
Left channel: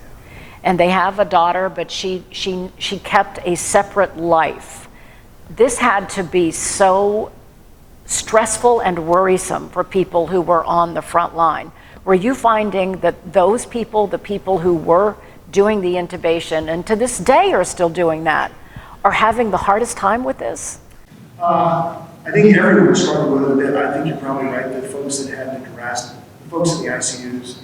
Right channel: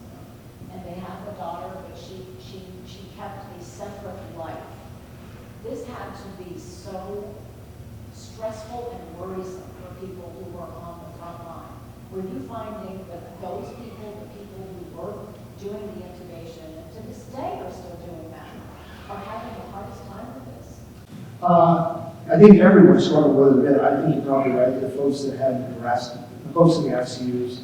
And they have a daughter, but she kept a separate life. This had to be so stressful and worrisome for people who were on the front line. Were you finding that those people, the people who were doing the intubation, and to this day are still doing that, are having the hardest time with this? I think everyone struggled with it a bit. I think you're probably right. The folks that had been harassed, the folks in the ICUs,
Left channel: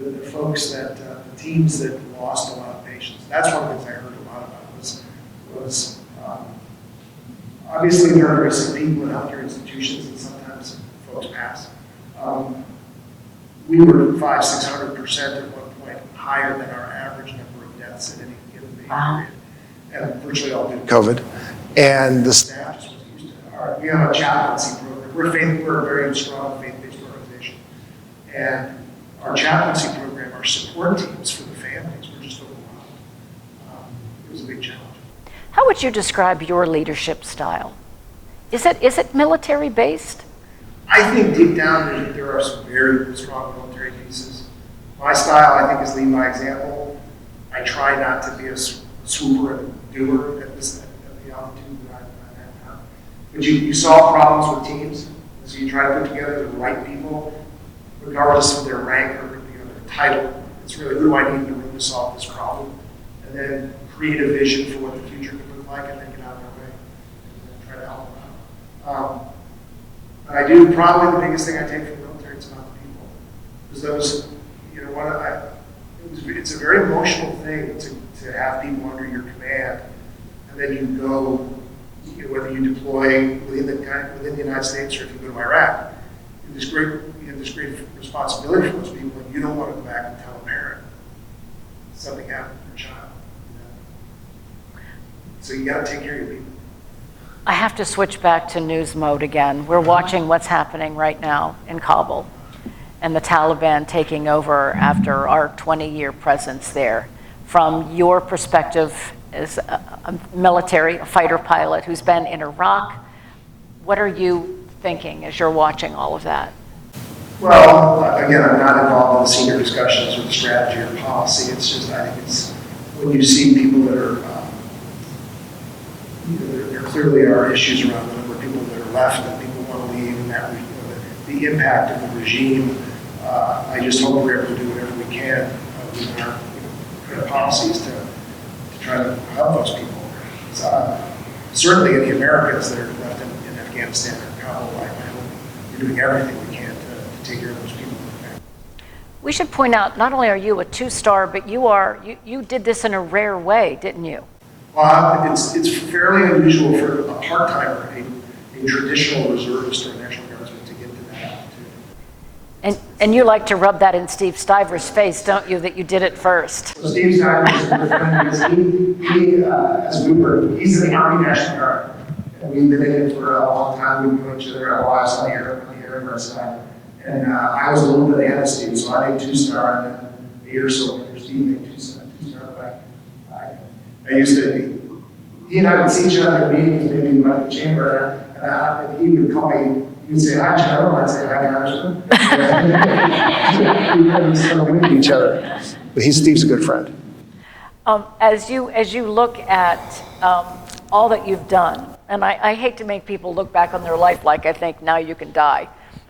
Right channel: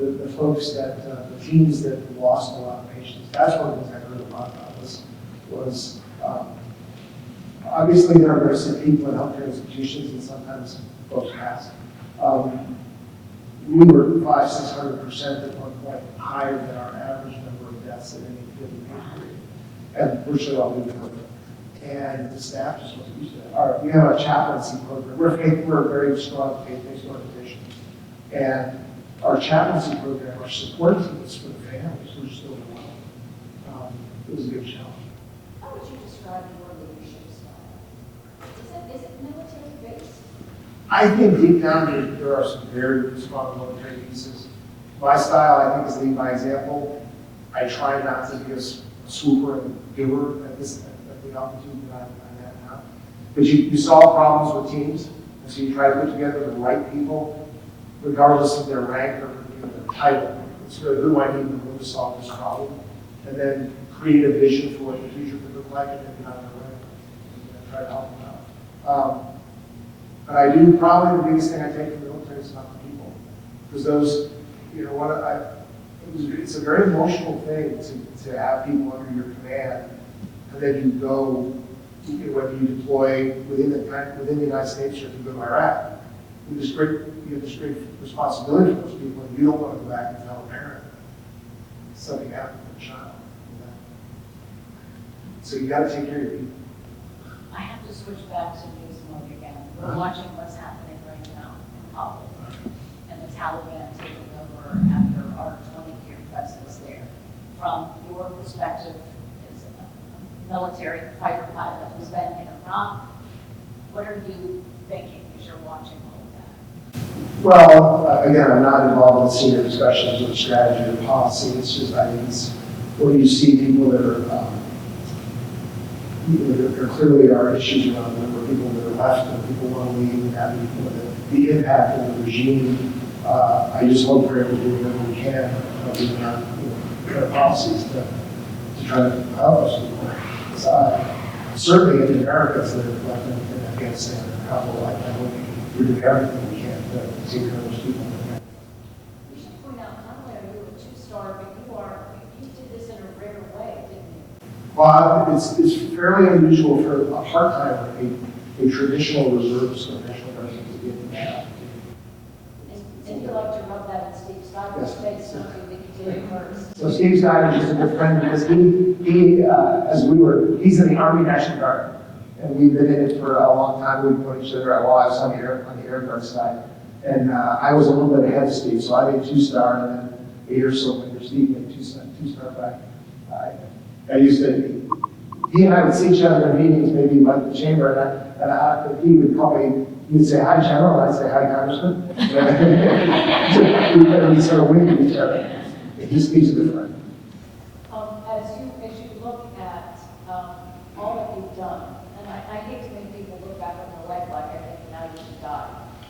the folks that, the teams that lost a lot of patients. That's one of the things I heard a lot about was obviously there are risks of people in healthcare institutions, and sometimes folks pass. We were 500-600% at one point higher than our average number of deaths in any given period. And virtually all due to COVID. And the staff is used to that. We have a chaplaincy program. We're a very strong faith-based organization. And our chaplaincy program, our support teams for the families were just overwhelmed. It was a big challenge. How would you describe your leadership style? Is it military-based? I think deep down there are some very strong military pieces. My style, I think, is lead by example. I try not to be a swooper and doer at the altitude that I'm at now. But you solve problems with teams, so you try to put together the right people, regardless of their rank or their title. It's really who I need in the room to solve this problem, and then create a vision for what the future could look like, and then get out of their way and try to help them out. But I do probably the biggest thing I take from the military is about the people, because those, it's a very emotional thing to have people under your command, and then you go, whether you deploy within the United States or if you go to Iraq, you have this great responsibility for those people, and you don't want to go back and tell a parent something happened to their child. So you got to take care of your people. I have to switch back to news mode again. We're watching what's happening right now in Kabul and the Taliban taking over after our 20-year presence there. From your perspective as a military, a fighter pilot who's been in Iraq, what are you thinking as you're watching all of that? Well, again, I'm not involved in senior discussions with strategy or policy. It's just, I think it's when you see people that are, there clearly are issues around the number of people that are left and people want to leave, and people that, the impact of the regime. I just hope we're able to do whatever we can with our policies to try to help those people. Certainly in the Americas that are left in Afghanistan or Kabul, I know we're doing everything we can to take care of those people. We should point out, not only are you a two-star, but you did this in a rare way, didn't you? It's fairly unusual for a part-timer, a traditional reservist or National Guardsman to get to that. And you like to rub that in Steve Stiver's face, don't you, that you did it first? So Steve Stiver is a good friend because he's in the Army National Guard. And we've been in it for a long time. We've known each other a lot on the Air Guard side. And I was a little bit ahead of Steve, so I had 2-star and then 8 or so later, Steve had 2-star back. I used to, he and I would see each other in meetings, maybe about the chamber, and he would call me, he'd say, "Hi, General," and I'd say, "Hi, Congressman." And we sort of winged each other. But Steve's a good friend. As you look at all that you've done, and I hate to make people look back on their life like I think now you can die.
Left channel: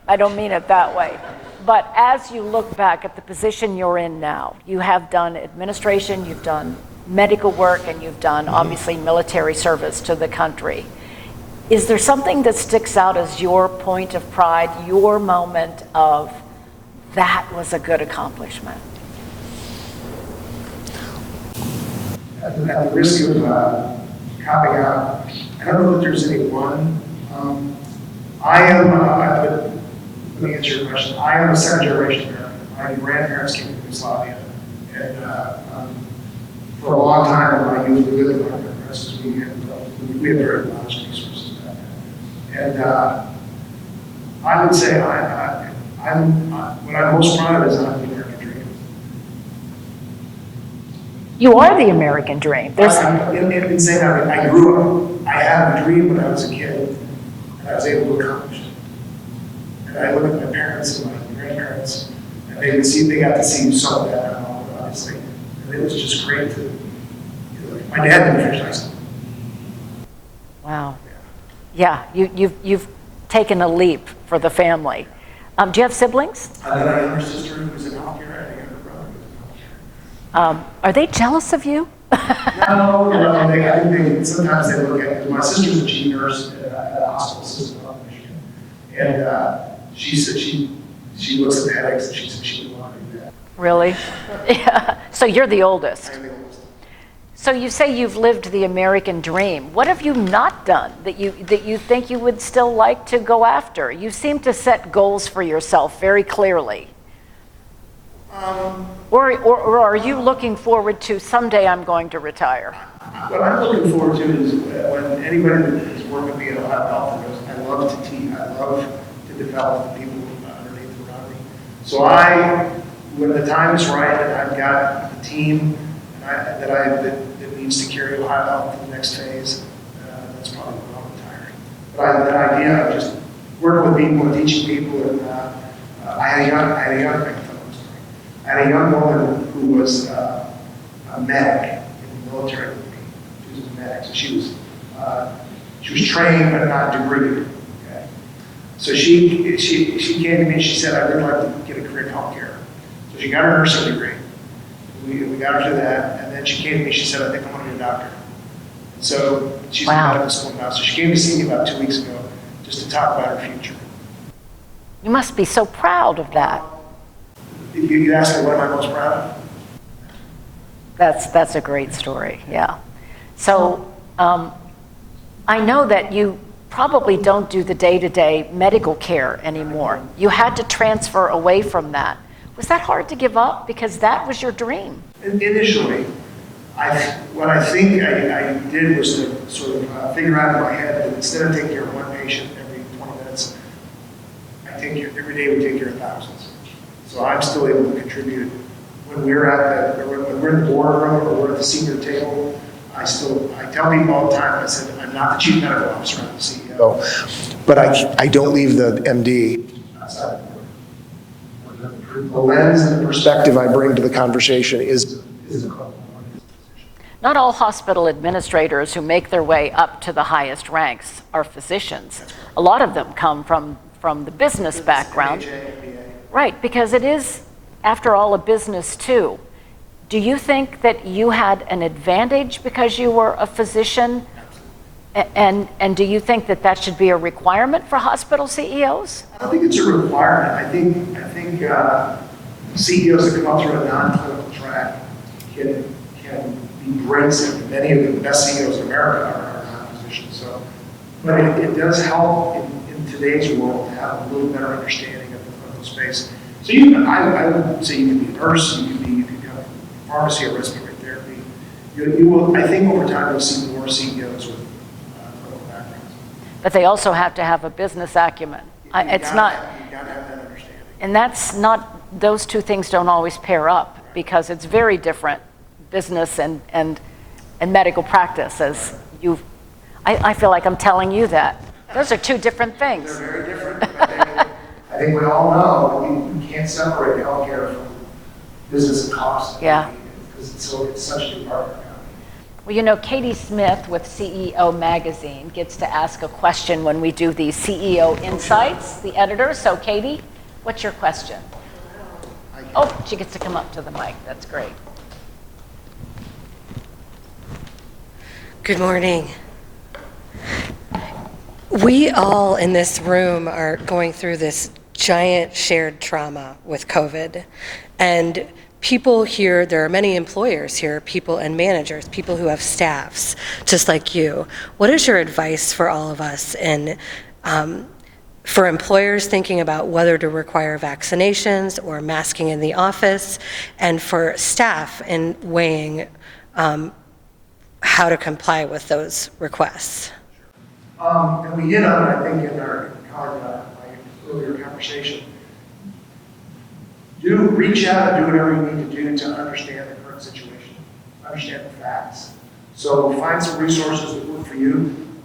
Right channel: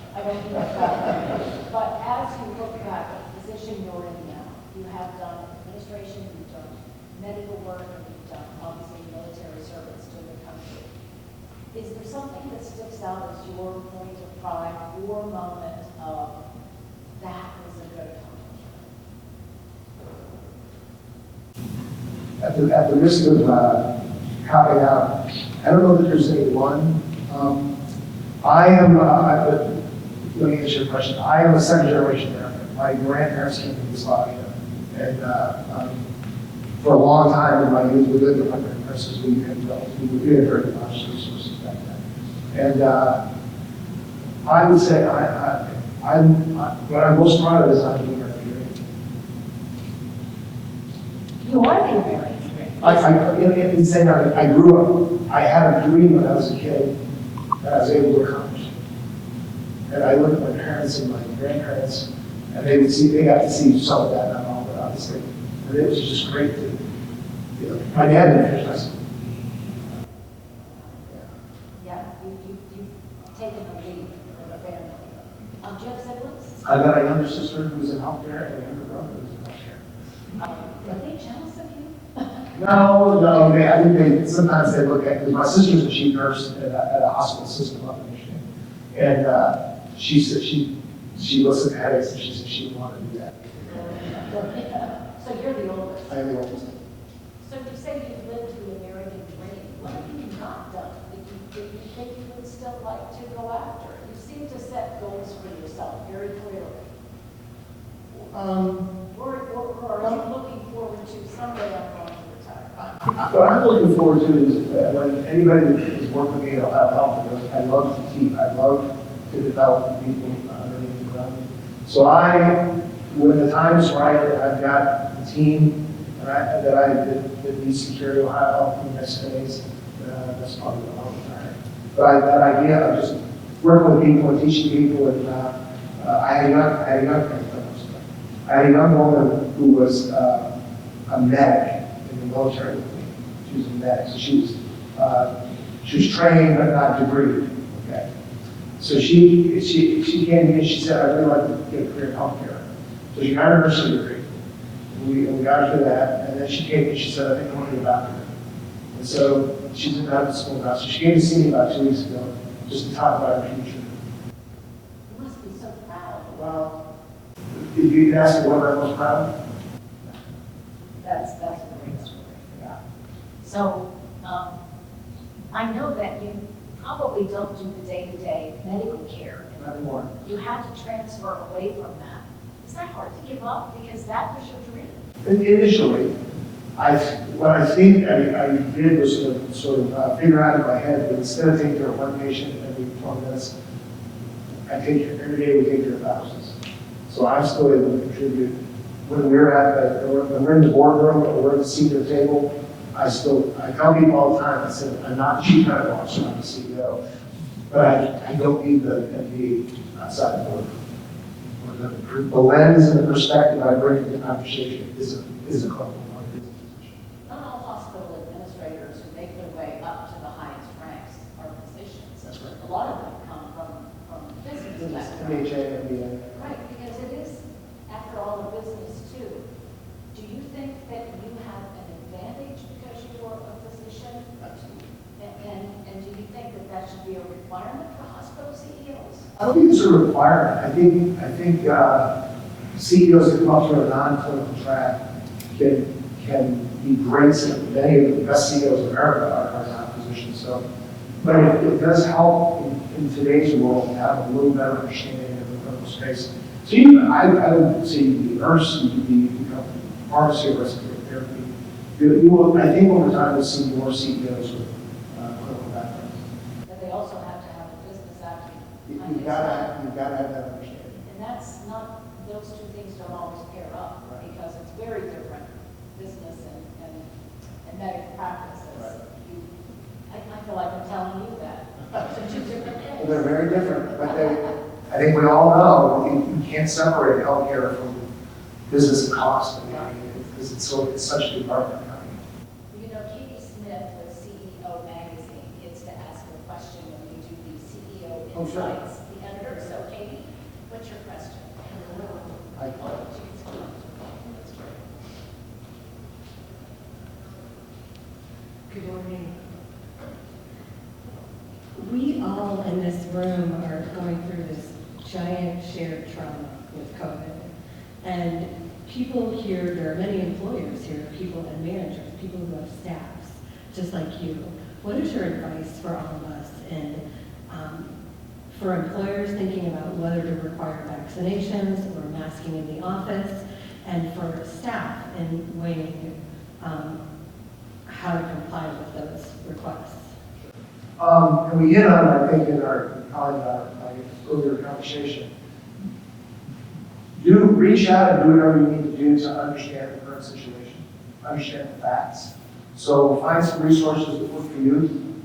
I don't mean it that way. But as you look back at the position you're in now, you have done administration, you've done medical work, and you've done obviously military service to the country. Is there something that sticks out as your point of pride, your moment of that was a good accomplishment? At the risk of copping out, I don't know if there's any one. Let me answer your question. I am a second generation American. My grandparents came from Yugoslavia, and for a long time, I was really good at nurses. We had very large resources back then. And I would say what I'm most proud of is I'm the American dream. You are the American dream. In saying that, I grew up, I had a dream when I was a kid, and I was able to accomplish it. And I looked at my parents and my grandparents, and they got to see so bad and all, obviously. And it was just great to, my dad didn't finish high school. Wow. Yeah, you've taken a leap for the family. Do you have siblings? I got a younger sister who's in healthcare, and a brother who's in healthcare. Are they jealous of you? No, I think sometimes they look at, my sister's a chief nurse at a hospital system up in Michigan. And she said she looks at headaches and she said she didn't want to do that. Really? Yeah. So you're the oldest. I'm the oldest. So you say you've lived the American dream. What have you not done that you think you would still like to go after? You seem to set goals for yourself very clearly. Or are you looking forward to someday I'm going to retire? What I'm looking forward to is when anybody that has worked with me in OhioHealth goes, I love to teach, I love to develop people underneath and around me. So when the time is right, I've got a team that needs to carry OhioHealth to the next phase. That's probably when I'm retiring. But that idea of just working with people and teaching people, and I had a young woman who was a medic in the military with me. She was a medic, so she was trained but not degreed. Okay, so she came to me and she said, "I'd really like to get a career in healthcare." So she got her nursing degree. We got her to that, and then she came to me. She said, "I think I want to be a doctor." And so she's in medical school now. So she came to see me about 2 weeks ago just to talk about her future. You must be so proud of that. If you ask me what am I most proud of? That's a great story, yeah. So I know that you probably don't do the day-to-day medical care anymore. You had to transfer away from that. Was that hard to give up? Because that was your dream. Initially, what I think I did was to sort of figure out in my head that instead of taking care of one patient every 20 minutes, every day we take care of thousands. So I'm still able to contribute. When we're in the boardroom or we're at the senior table, I tell people all the time, I said, I'm not the chief medical officer, I'm the CEO. But I don't leave the MD outside the board. The lens and the perspective I bring to the conversation is a clinical one. Not all hospital administrators who make their way up to the highest ranks are physicians. A lot of them come from the business background. Right, because it is, after all, a business too. Do you think that you had an advantage because you were a physician? And do you think that that should be a requirement for hospital CEOs? I think it's a requirement. I think CEOs that come out through a non-clinical track can be great. Many of the best CEOs in America are non-physicians. So, but it does help in today's world to have a little better understanding of the clinical space. So I would say you could be a nurse, you could have pharmacy or respiratory therapy. I think over time you'll see more CEOs with clinical backgrounds. But they also have to have a business acumen. You gotta have that understanding. And that's not, those two things don't always pair up because it's very different, business and medical practice, as I feel like I'm telling you that. Those are two different things. They're very different. I think we all know you can't separate healthcare from business and cost. Yeah. Because it's such a big part of it now. Well, you know, Katie Smith with CEO Magazine gets to ask a question when we do the CEO Insights, the editor. So Katie, what's your question? Oh, she gets to come up to the mic. That's great. Good morning. We all in this room are going through this giant shared trauma with COVID. And people here, there are many employers here, people and managers, people who have staffs, just like you. What is your advice for all of us and for employers thinking about whether to require vaccinations or masking in the office, and for staff in weighing how to comply with those requests. And we hit on it, I think, in our earlier conversation. Reach out and do whatever you need to do to understand the current situation, understand the facts. So find some resources that work for you.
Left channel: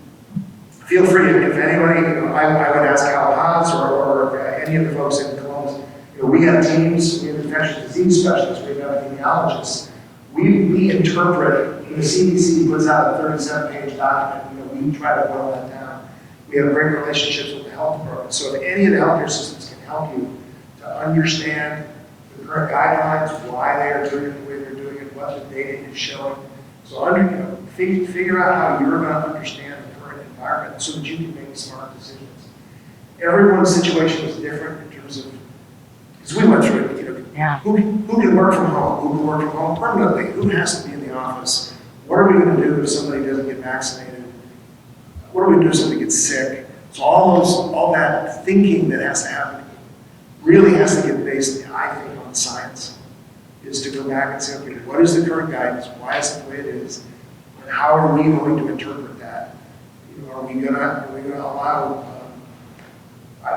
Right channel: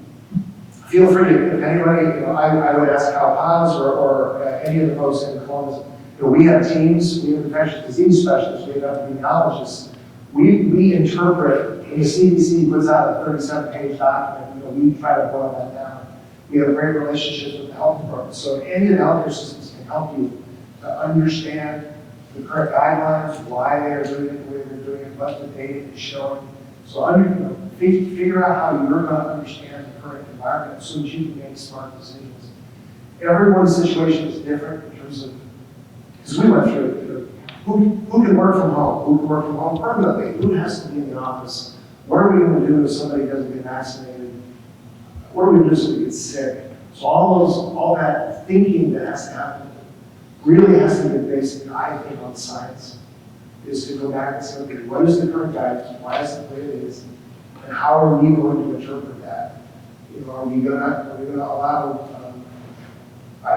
Feel free, if anybody, I would ask Hal Hans or any of the folks in Columbus. We have teams, we have infectious disease specialists, we have epidemiologists. We interpret, when the CDC puts out a 37-page document, we try to boil that down. We have great relationships with the health department. So if any of the healthcare systems can help you to understand the current guidelines, why they are doing it the way they're doing it, what the data is showing. So figure out how you're going to understand the current environment so that you can make smart decisions. Everyone's situation is different in terms of, because we went through it, who can work from home, who can work from home permanently, who has to be in the office, what are we going to do if somebody doesn't get vaccinated, what are we going to do if somebody gets sick. So all that thinking that has to happen really has to get based, I think, on science, is to go back and say, okay, what is the current guidance, why is it the way it is, and how are we going to interpret that? Are we going to allow,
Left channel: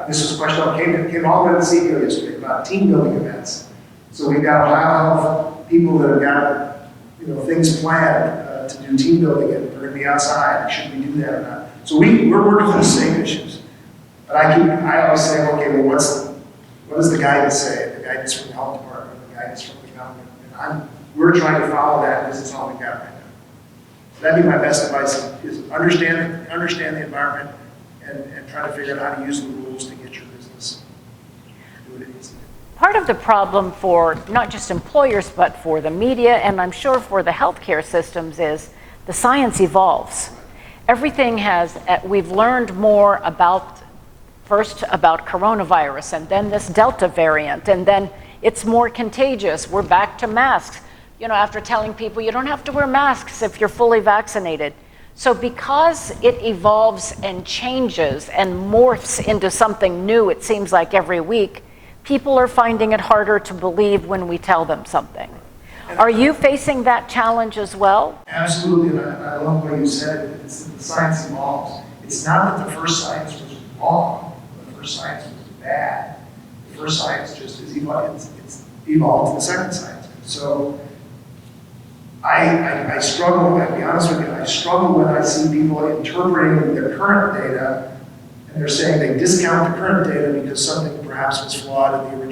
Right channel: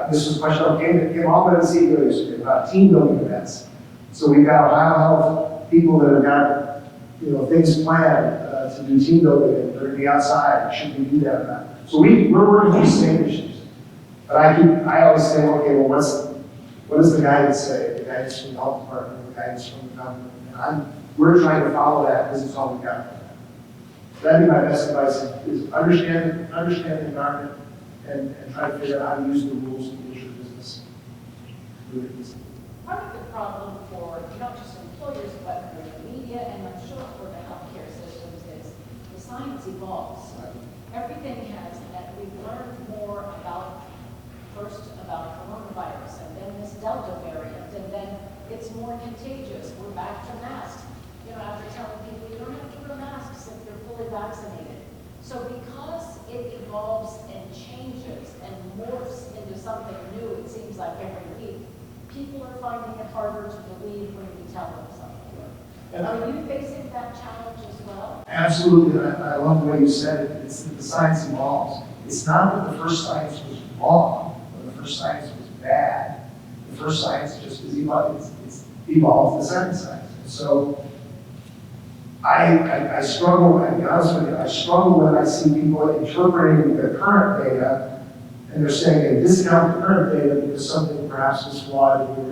this was a question that came all the way to the CEO yesterday about team building events. So we've got OhioHealth people that have got things planned to do team building, and we're going to be outside. Should we do that or not? So we're working on the same issues. But I always say, okay, well, what does the guidance say? The guidance from the health department, the guidance from the government. And we're trying to follow that. This is all we got right now. That'd be my best advice: is understand the environment and try to figure out how to use the rules to get your business. Part of the problem for not just employers, but for the media, and I'm sure for the healthcare systems, is the science evolves. Everything we've learned more first about coronavirus, and then this Delta variant, and then it's more contagious. We're back to masks. After telling people you don't have to wear masks if you're fully vaccinated. So because it evolves and changes and morphs into something new, it seems like every week, people are finding it harder to believe when we tell them something. Are you facing that challenge as well? Absolutely, and I love the way you said it. It's that the science evolves. It's not that the first science was wrong, or the first science was bad. The first science just is it's evolved the second science. So I struggle, I'll be honest with you, I struggle when I see people interpreting their current data, and they're saying they discount the current data because something perhaps was flawed in the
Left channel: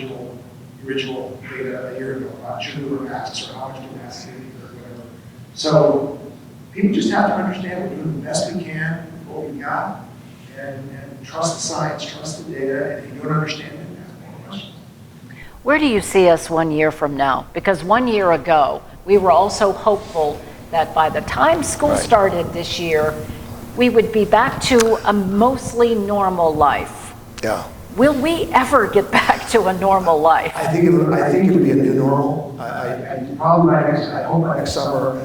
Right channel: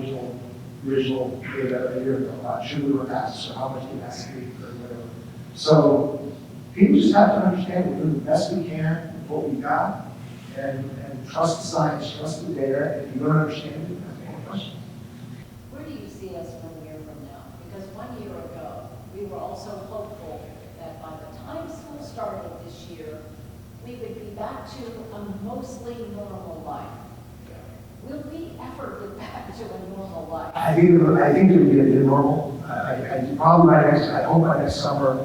original data a year ago, about true or masks or how much capacity or whatever. So people just have to understand we do the best we can with what we got, and trust the science, trust the data, and if you don't understand it, you have to make a question. Where do you see us 1 year from now? Because 1 year ago, we were also hopeful that by the time school started this year, we would be back to a mostly normal life. Yeah. Will we ever get back to a normal life? I think it would be a new normal. I hope by next summer,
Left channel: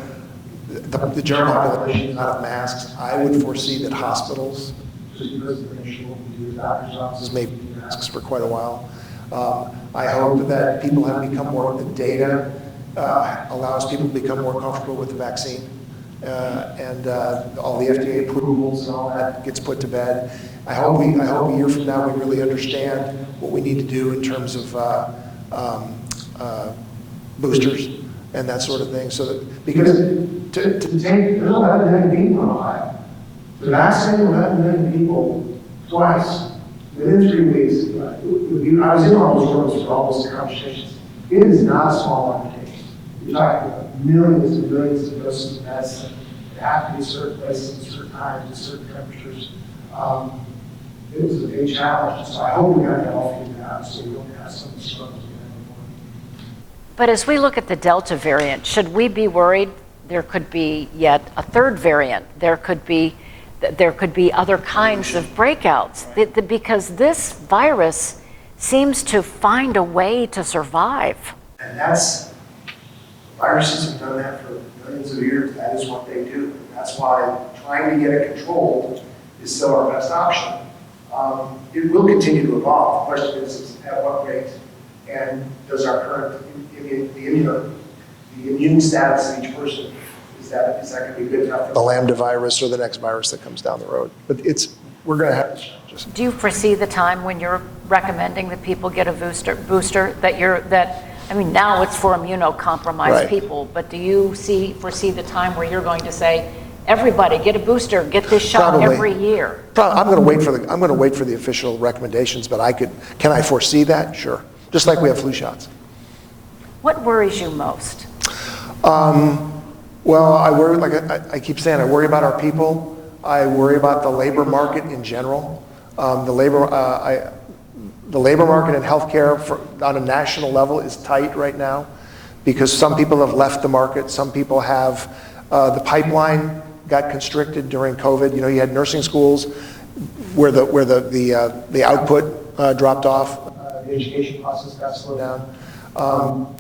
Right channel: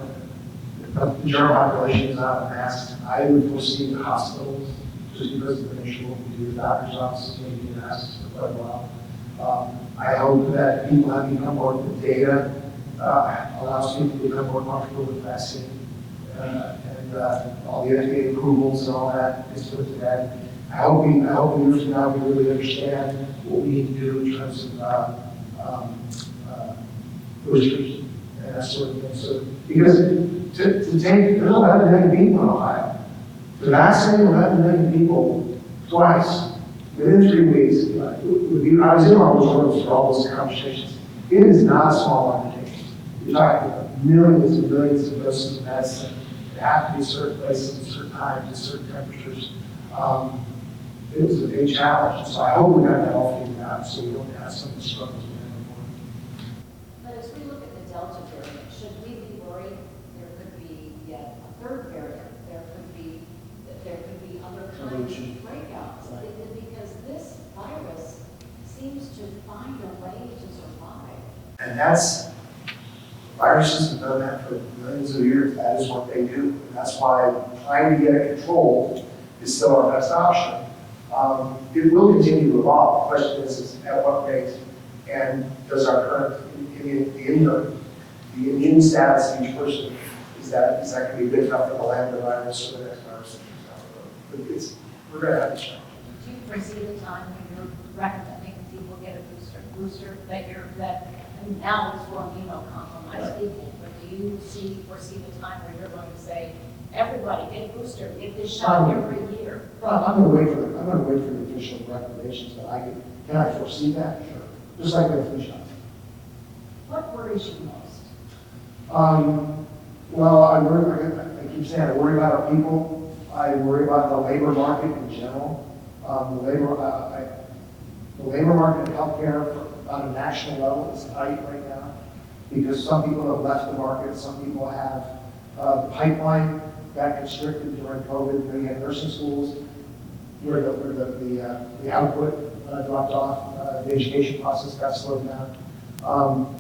the general population is out of masks. I would foresee that hospitals, just because of the issue we do, doctors' offices may be masks for quite a while. I hope that people have become more, the data allows people to become more comfortable with the vaccine. And all the FDA approvals and all that gets put to bed. I hope a year from now we really understand what we need to do in terms of boosters and that sort of thing. So that, because to take, there's 11 million people in Ohio. To vaccinate 11 million people twice within 3 weeks, I was in all those rooms for all those conversations. It is not a small application. You're talking about millions and millions of doses of medicine that have to be certain places at certain times at certain temperatures. It was a big challenge, so I hope we got that all figured out so we don't have some struggles. But as we look at the Delta variant, should we be worried there could be yet a third variant? There could be other kinds of breakouts because this virus seems to find a way to survive. And viruses have done that for millions of years. That is what they do. That's why trying to get it controlled is still our best option. It will continue to evolve. The question is at what rate? And does our current the immune status of each person, is that going to be good enough for the Lambda virus or the next virus that comes down the road? But we're going to have these challenges. Do you foresee the time when you're recommending that people get a booster I mean, now it's for immunocompromised Right. people, but do you foresee the time where you're going to say, everybody get a booster, get this shot Probably. every year? I'm going to wait for the official recommendations, but can I foresee that? Sure. Just like we have flu shots. What worries you most? Well, I worry, like I keep saying, I worry about our people. I worry about the labor market in general. The labor market in healthcare on a national level is tight right now because some people have left the market. Some people have, the pipeline got constricted during COVID. You had nursing schools where the output dropped off. The education process got slowed down.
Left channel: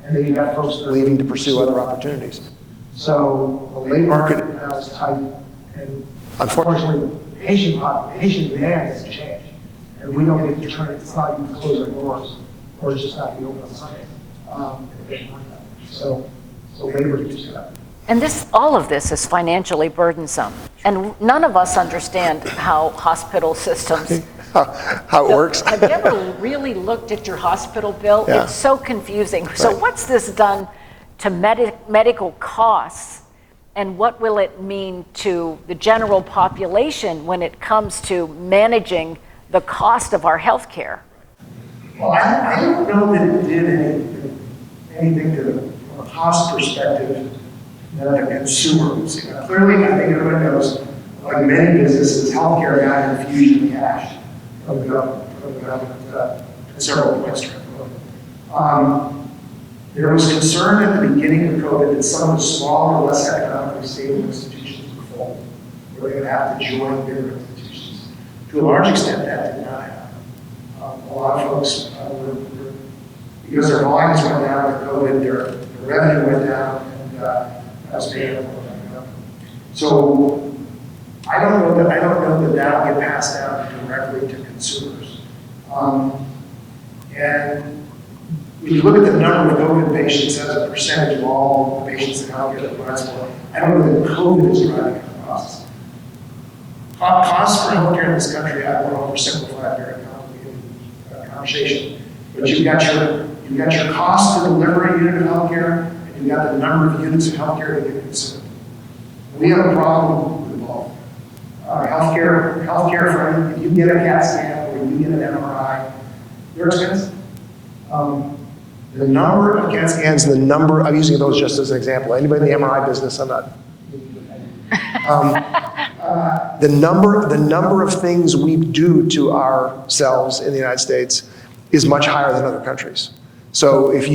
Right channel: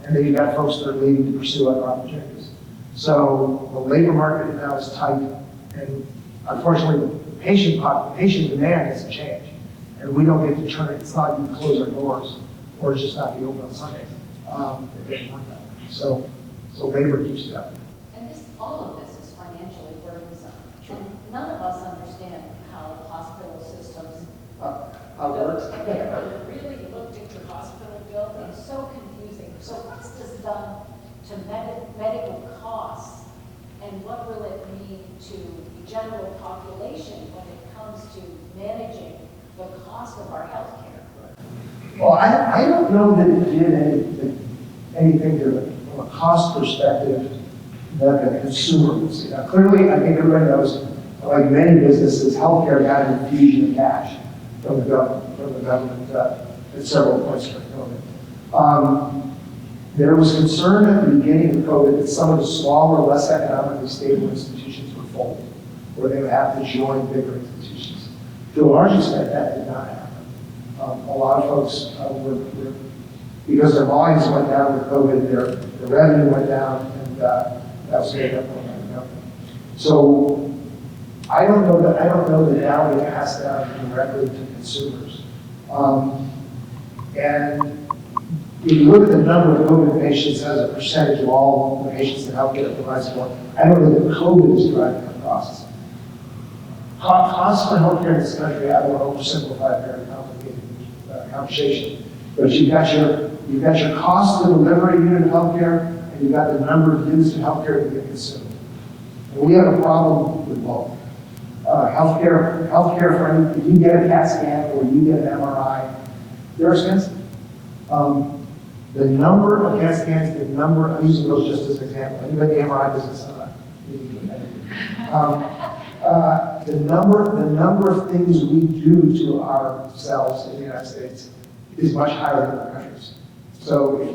And then you got folks that are leaving to pursue other opportunities. So the labor market now is tight, and unfortunately, patient demand has changed, and we don't get to turn it. It's not you close our doors, or it's just not be open on Sundays. It doesn't work that way. So labor keeps it up. And all of this is financially burdensome, and none of us understand how hospital systems. How it works. Have you ever really looked at your hospital bill? Yeah. It's so confusing. So Right. what's this done to medical costs, and what will it mean to the general population when it comes to managing the cost of our health care? Well, I don't know that it did anything from a cost perspective that a consumer would see. Now, clearly, I think everybody knows, like many businesses, healthcare got an infusion of cash from the government at several points during COVID. There was concern at the beginning of COVID that some of the smaller, less economically stable institutions would fold. We're going to have to join bigger institutions. To a large extent, that did not happen. A lot of folks because their volumes went down with COVID, their revenue went down, and that was paid up by the government. So I don't know that now get passed down directly to consumers. And when you look at the number of COVID patients as a percentage of all the patients in healthcare providers, I don't know that COVID is driving the costs. Costs for healthcare in this country, I don't know, oversimplify very complicated conversation. But you've got your cost per delivery unit of healthcare, and you've got the number of units of healthcare that you can consume. And we have a problem with both. Healthcare, if you get a CAT scan or you get an MRI, they're expensive. The number of CAT scans, I'm using those just as an example. Anybody in the MRI business, I'm not. The number of things we do to ourselves in the United States is much higher than other countries. So it's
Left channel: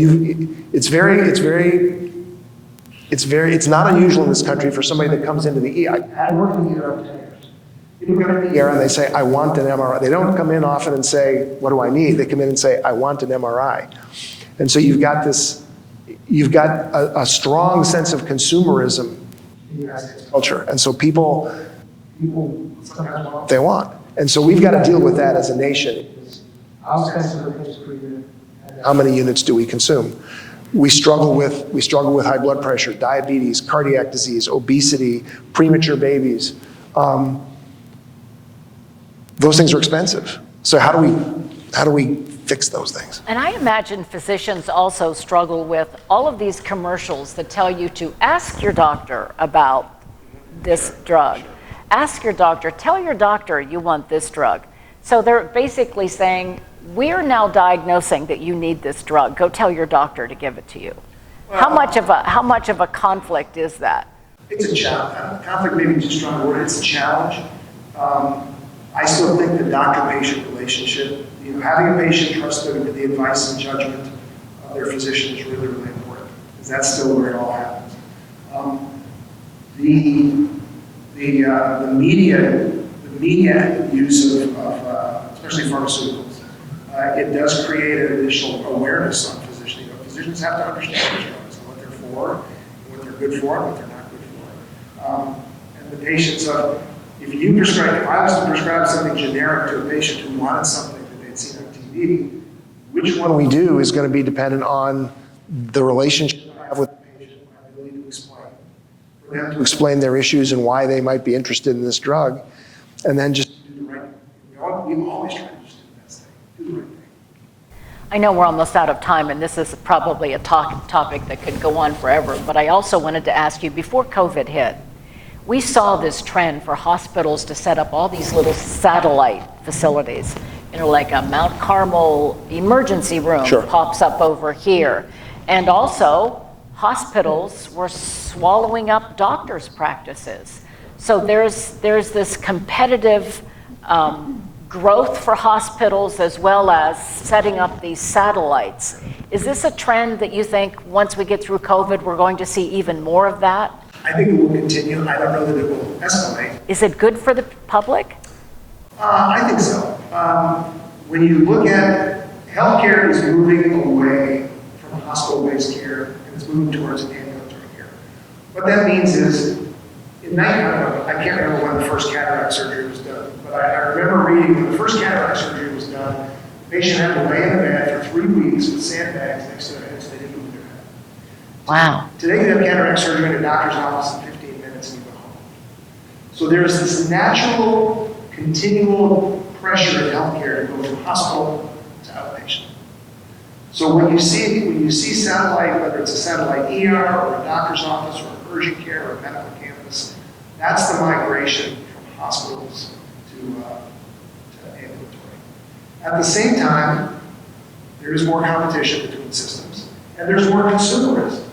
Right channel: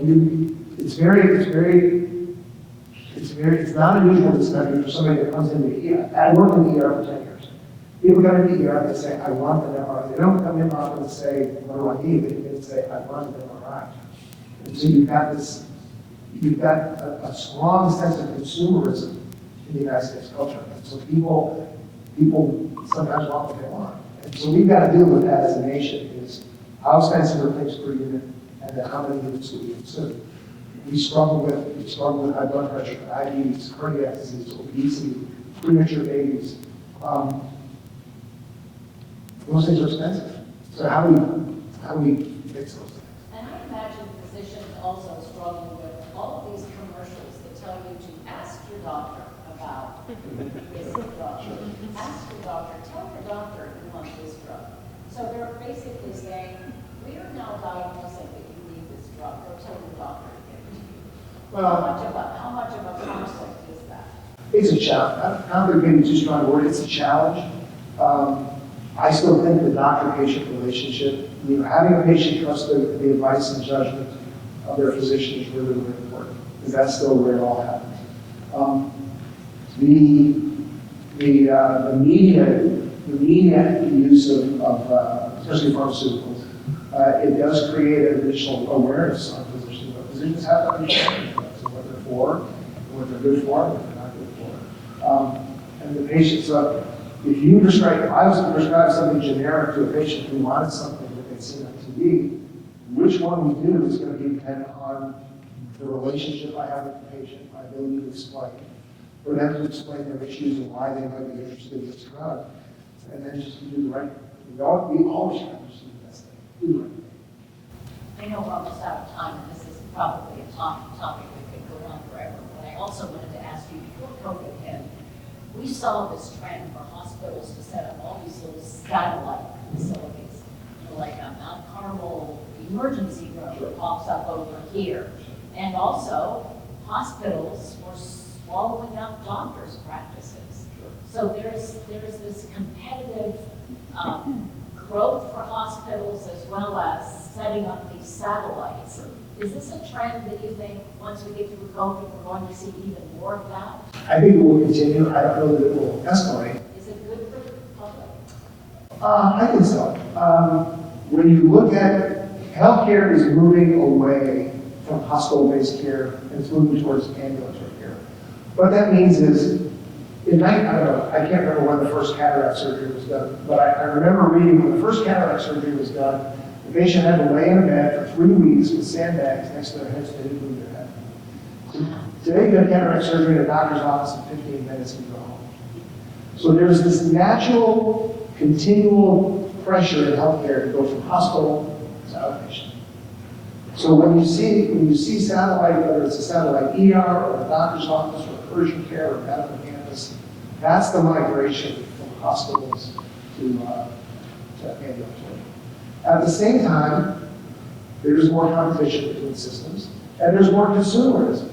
not unusual in this country for somebody that comes into the ER. I worked in the ER for 10 years. People come in the ER and they say, I want an MRI. They don't come in often and say, what do I need? They come in and say, I want an MRI. And so you've got a strong sense of consumerism in the United States culture. And so people sometimes want what they want. And so we've got to deal with that as a nation. How expensive are things per unit, and how many units do we consume? We struggle with high blood pressure, diabetes, cardiac disease, obesity, premature babies. Those things are expensive. So how do we fix those things? And I imagine physicians also struggle with all of these commercials that tell you to ask your doctor about this drug. Ask your doctor, tell your doctor you want this drug. So they're basically saying, we are now diagnosing that you need this drug. Go tell your doctor to give it to you. How much of a conflict is that? It's a challenge. Conflict may be too strong a word. It's a challenge. I still think the doctor-patient relationship, having a patient trust the advice and judgment of their physician is really, really important, because that's still where it all happens. The media use of especially pharmaceuticals, it does create an additional awareness on physicians. Physicians have to understand what they're for, what they're good for, and what they're not good for. And the patients, if I was to prescribe something generic to a patient who wanted something that they'd seen on TV, which one we do is going to be dependent on the relationship I have with the patient, to explain. We have to explain their issues and why they might be interested in this drug, and then just do the right thing. We always try to just do the best thing, do the right thing. I know we're almost out of time, and this is probably a topic that could go on forever, but I also wanted to ask you, before COVID hit, we saw this trend for hospitals to set up all these little satellite facilities. You know, like a Mount Carmel emergency room pops up over here. And also, hospitals were swallowing up doctors' practices. So there's this competitive growth for hospitals as well as setting up these satellites. Is this a trend that you think once we get through COVID, we're going to see even more of that? I think it will continue. I don't know that it will escalate. Is it good for the public? I think so. When you look at healthcare is moving away from hospital-based care and it's moving towards ambulatory care. What that means is, I can't remember when the first cataract surgery was done, but I remember reading when the first cataract surgery was done, the patient had to lay in bed for 3 weeks with sandbags next to their head so they didn't move their head. Wow. Today you have cataract surgery in a doctor's office in 15 minutes and you go home. So there's this natural, continual pressure in healthcare to go from hospital to outpatient. So when you see satellite, whether it's a satellite ER or a doctor's office or urgent care or medical campus, that's the migration from hospitals to ambulatory. At the same time, there is more competition between systems, and there's more consumerism.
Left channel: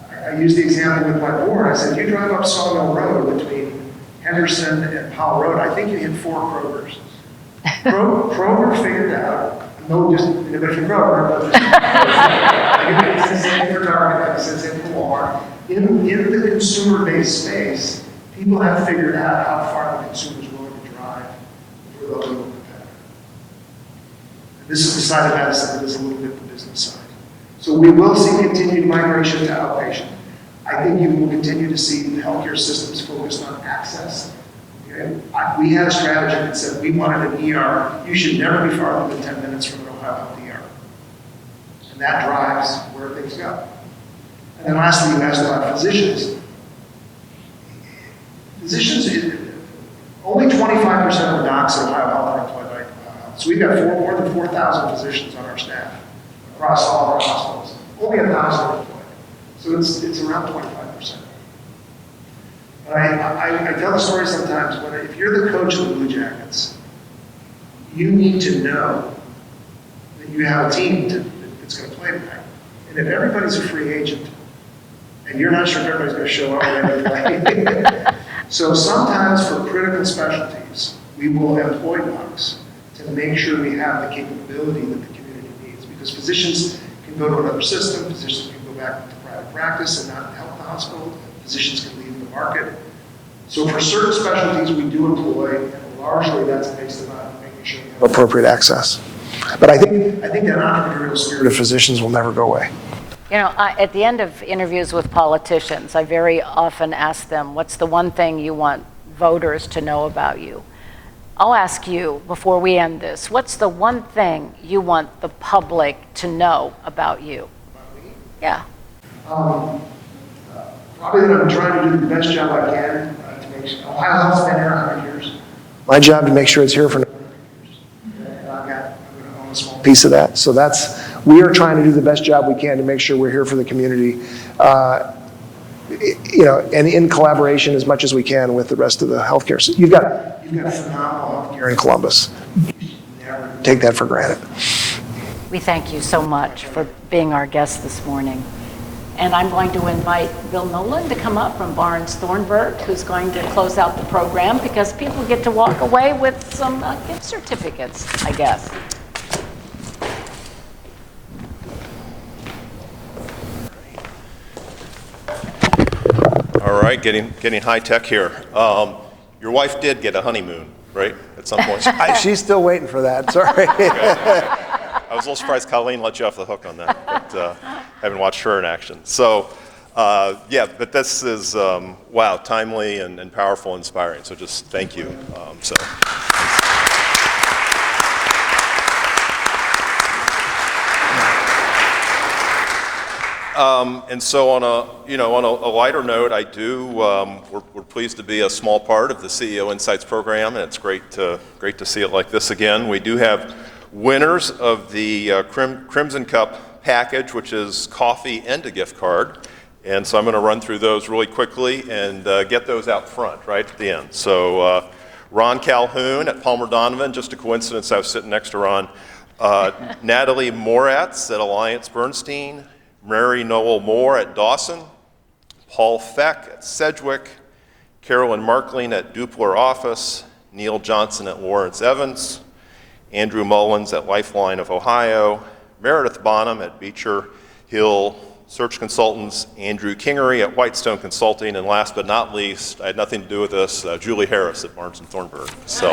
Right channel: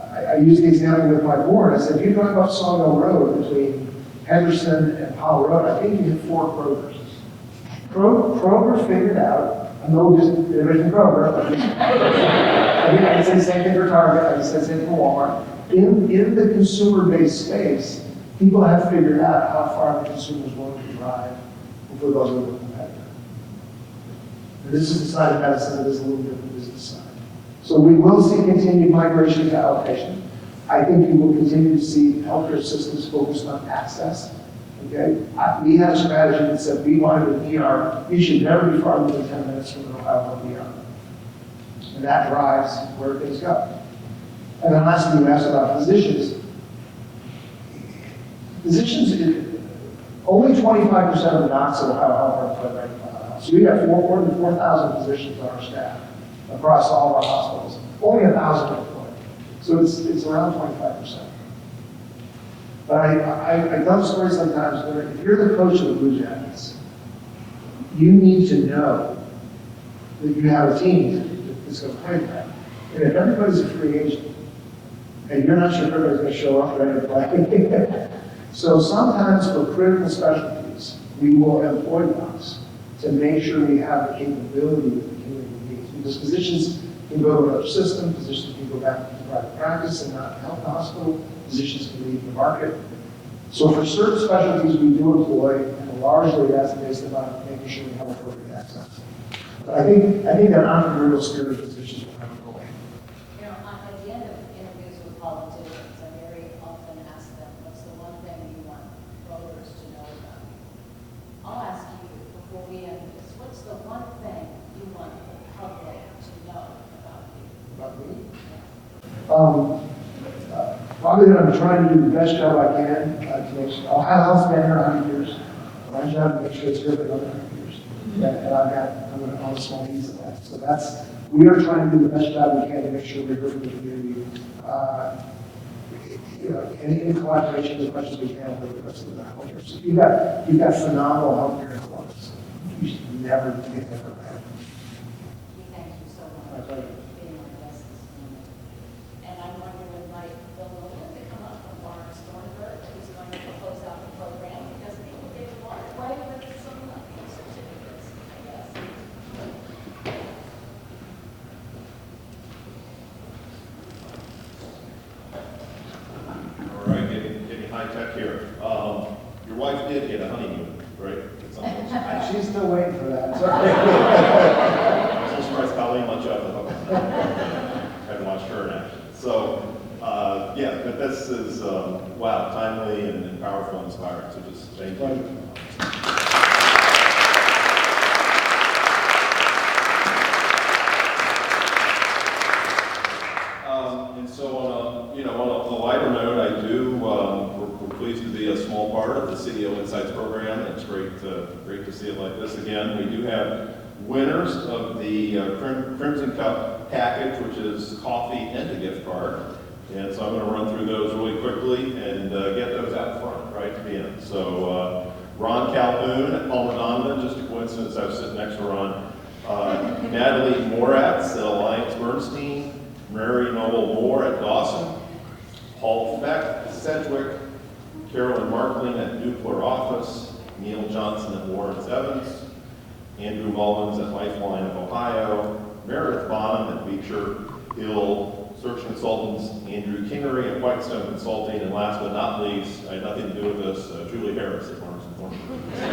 I used the example with my board. I said, you drive up Sawmill Road between Henderson and Powell Road, I think you hit 4 Krogers. Kroger figured out, no, just individual Kroger, I said same for Target, I said same for Walmart. In the consumer-based space, people have figured out how far the consumer is willing to drive over those little competitors. This is the side of medicine, this is a little bit the business side. So we will see continued migration to outpatient. I think you will continue to see healthcare systems focused on access. Okay? We had a strategy that said we wanted an ER. You should never be farther than 10 minutes from an OhioHealth ER. And that drives where things go. And then lastly, you asked about physicians. Only 25% of the docs at OhioHealth are employed by OhioHealth. So we've got more than 4,000 physicians on our staff across all of our hospitals. Only 1,000 are employed. So it's around 25%. But I tell the story sometimes where if you're the coach of the Blue Jackets, you need to know that you have a team that's going to play with that. And if everybody's a free agent, and you're not sure if everybody's going to show up and play. So sometimes for critical specialties, we will employ docs to make sure we have the capability that the community needs. Because physicians can go to another system, physicians can go back to private practice and not help the hospital, physicians can leave the market. So for certain specialties, we do employ, and largely that's based on making sure we have appropriate access. But I think that entrepreneurial spirit of physicians will never go away. You know, at the end of interviews with politicians, I very often ask them, what's the one thing you want voters to know about you? I'll ask you, before we end this, what's the one thing you want the public to know about you? About me? Yeah. Probably that I'm trying to do the best job I can to make sure. OhioHealth's been here 100 years. My job to make sure it's here for another 100 years. And I'm going to own a small piece of that. So we are trying to do the best job we can to make sure we're here for the community, and in collaboration as much as we can with the rest of the healthcare system. You've got phenomenal healthcare in Columbus. You never take that for granted. We thank you so much for being our guest this morning. And I'm going to invite Bill Nolan to come up from Barnes Thornburg, who's going to close out the program because people get to walk away with some gift certificates, I guess. All right, getting high tech here. Your wife did get a honeymoon, right? At some point. She's still waiting for that, sorry. I was a little surprised Colleen let you off the hook on that, but haven't watched her in action. So, but this is, wow, timely and powerful and inspiring, so just thank you. And so on a lighter note, we're pleased to be a small part of the CEO Insights program, and it's great to see it like this again. We do have winners of the Crimson Cup package, which is coffee and a gift card. And so I'm going to run through those really quickly and get those out front, right at the end. So Ron Calhoun at Palmer Donovan, just a coincidence I was sitting next to Ron. Natalie Moretz at Alliance Bernstein. Mary Noel Moore at Dawson. Paul Feck at Sedgwick. Carolyn Markling at Dupler Office. Neil Johnson at Lawrence Evans. Andrew Mullins at Lifeline of Ohio. Meredith Bonham at Beecher Hill Search Consultants, Andrew Kingery at Whitestone Consulting, and last but not least, I had nothing to do with this, Julie Harris at Barnes & Thornburg. So,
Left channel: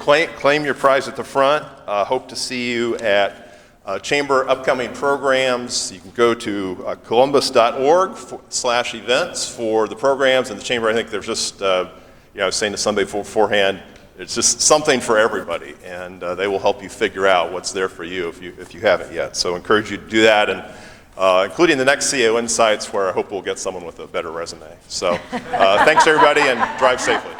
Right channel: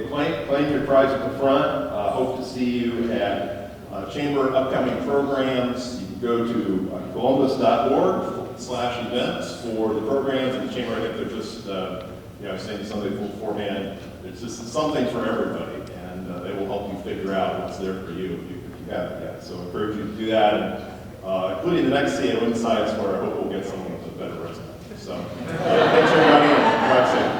claim your prize at the front. Hope to see you at Chamber upcoming programs. You can go to columbus.org/events for the programs at the Chamber. I think there's just, I was saying to somebody beforehand, it's just something for everybody, and they will help you figure out what's there for you if you haven't yet. So I encourage you to do that, and including the next CEO Insights, where I hope we'll get someone with a better resume. So thanks everybody, and drive safely.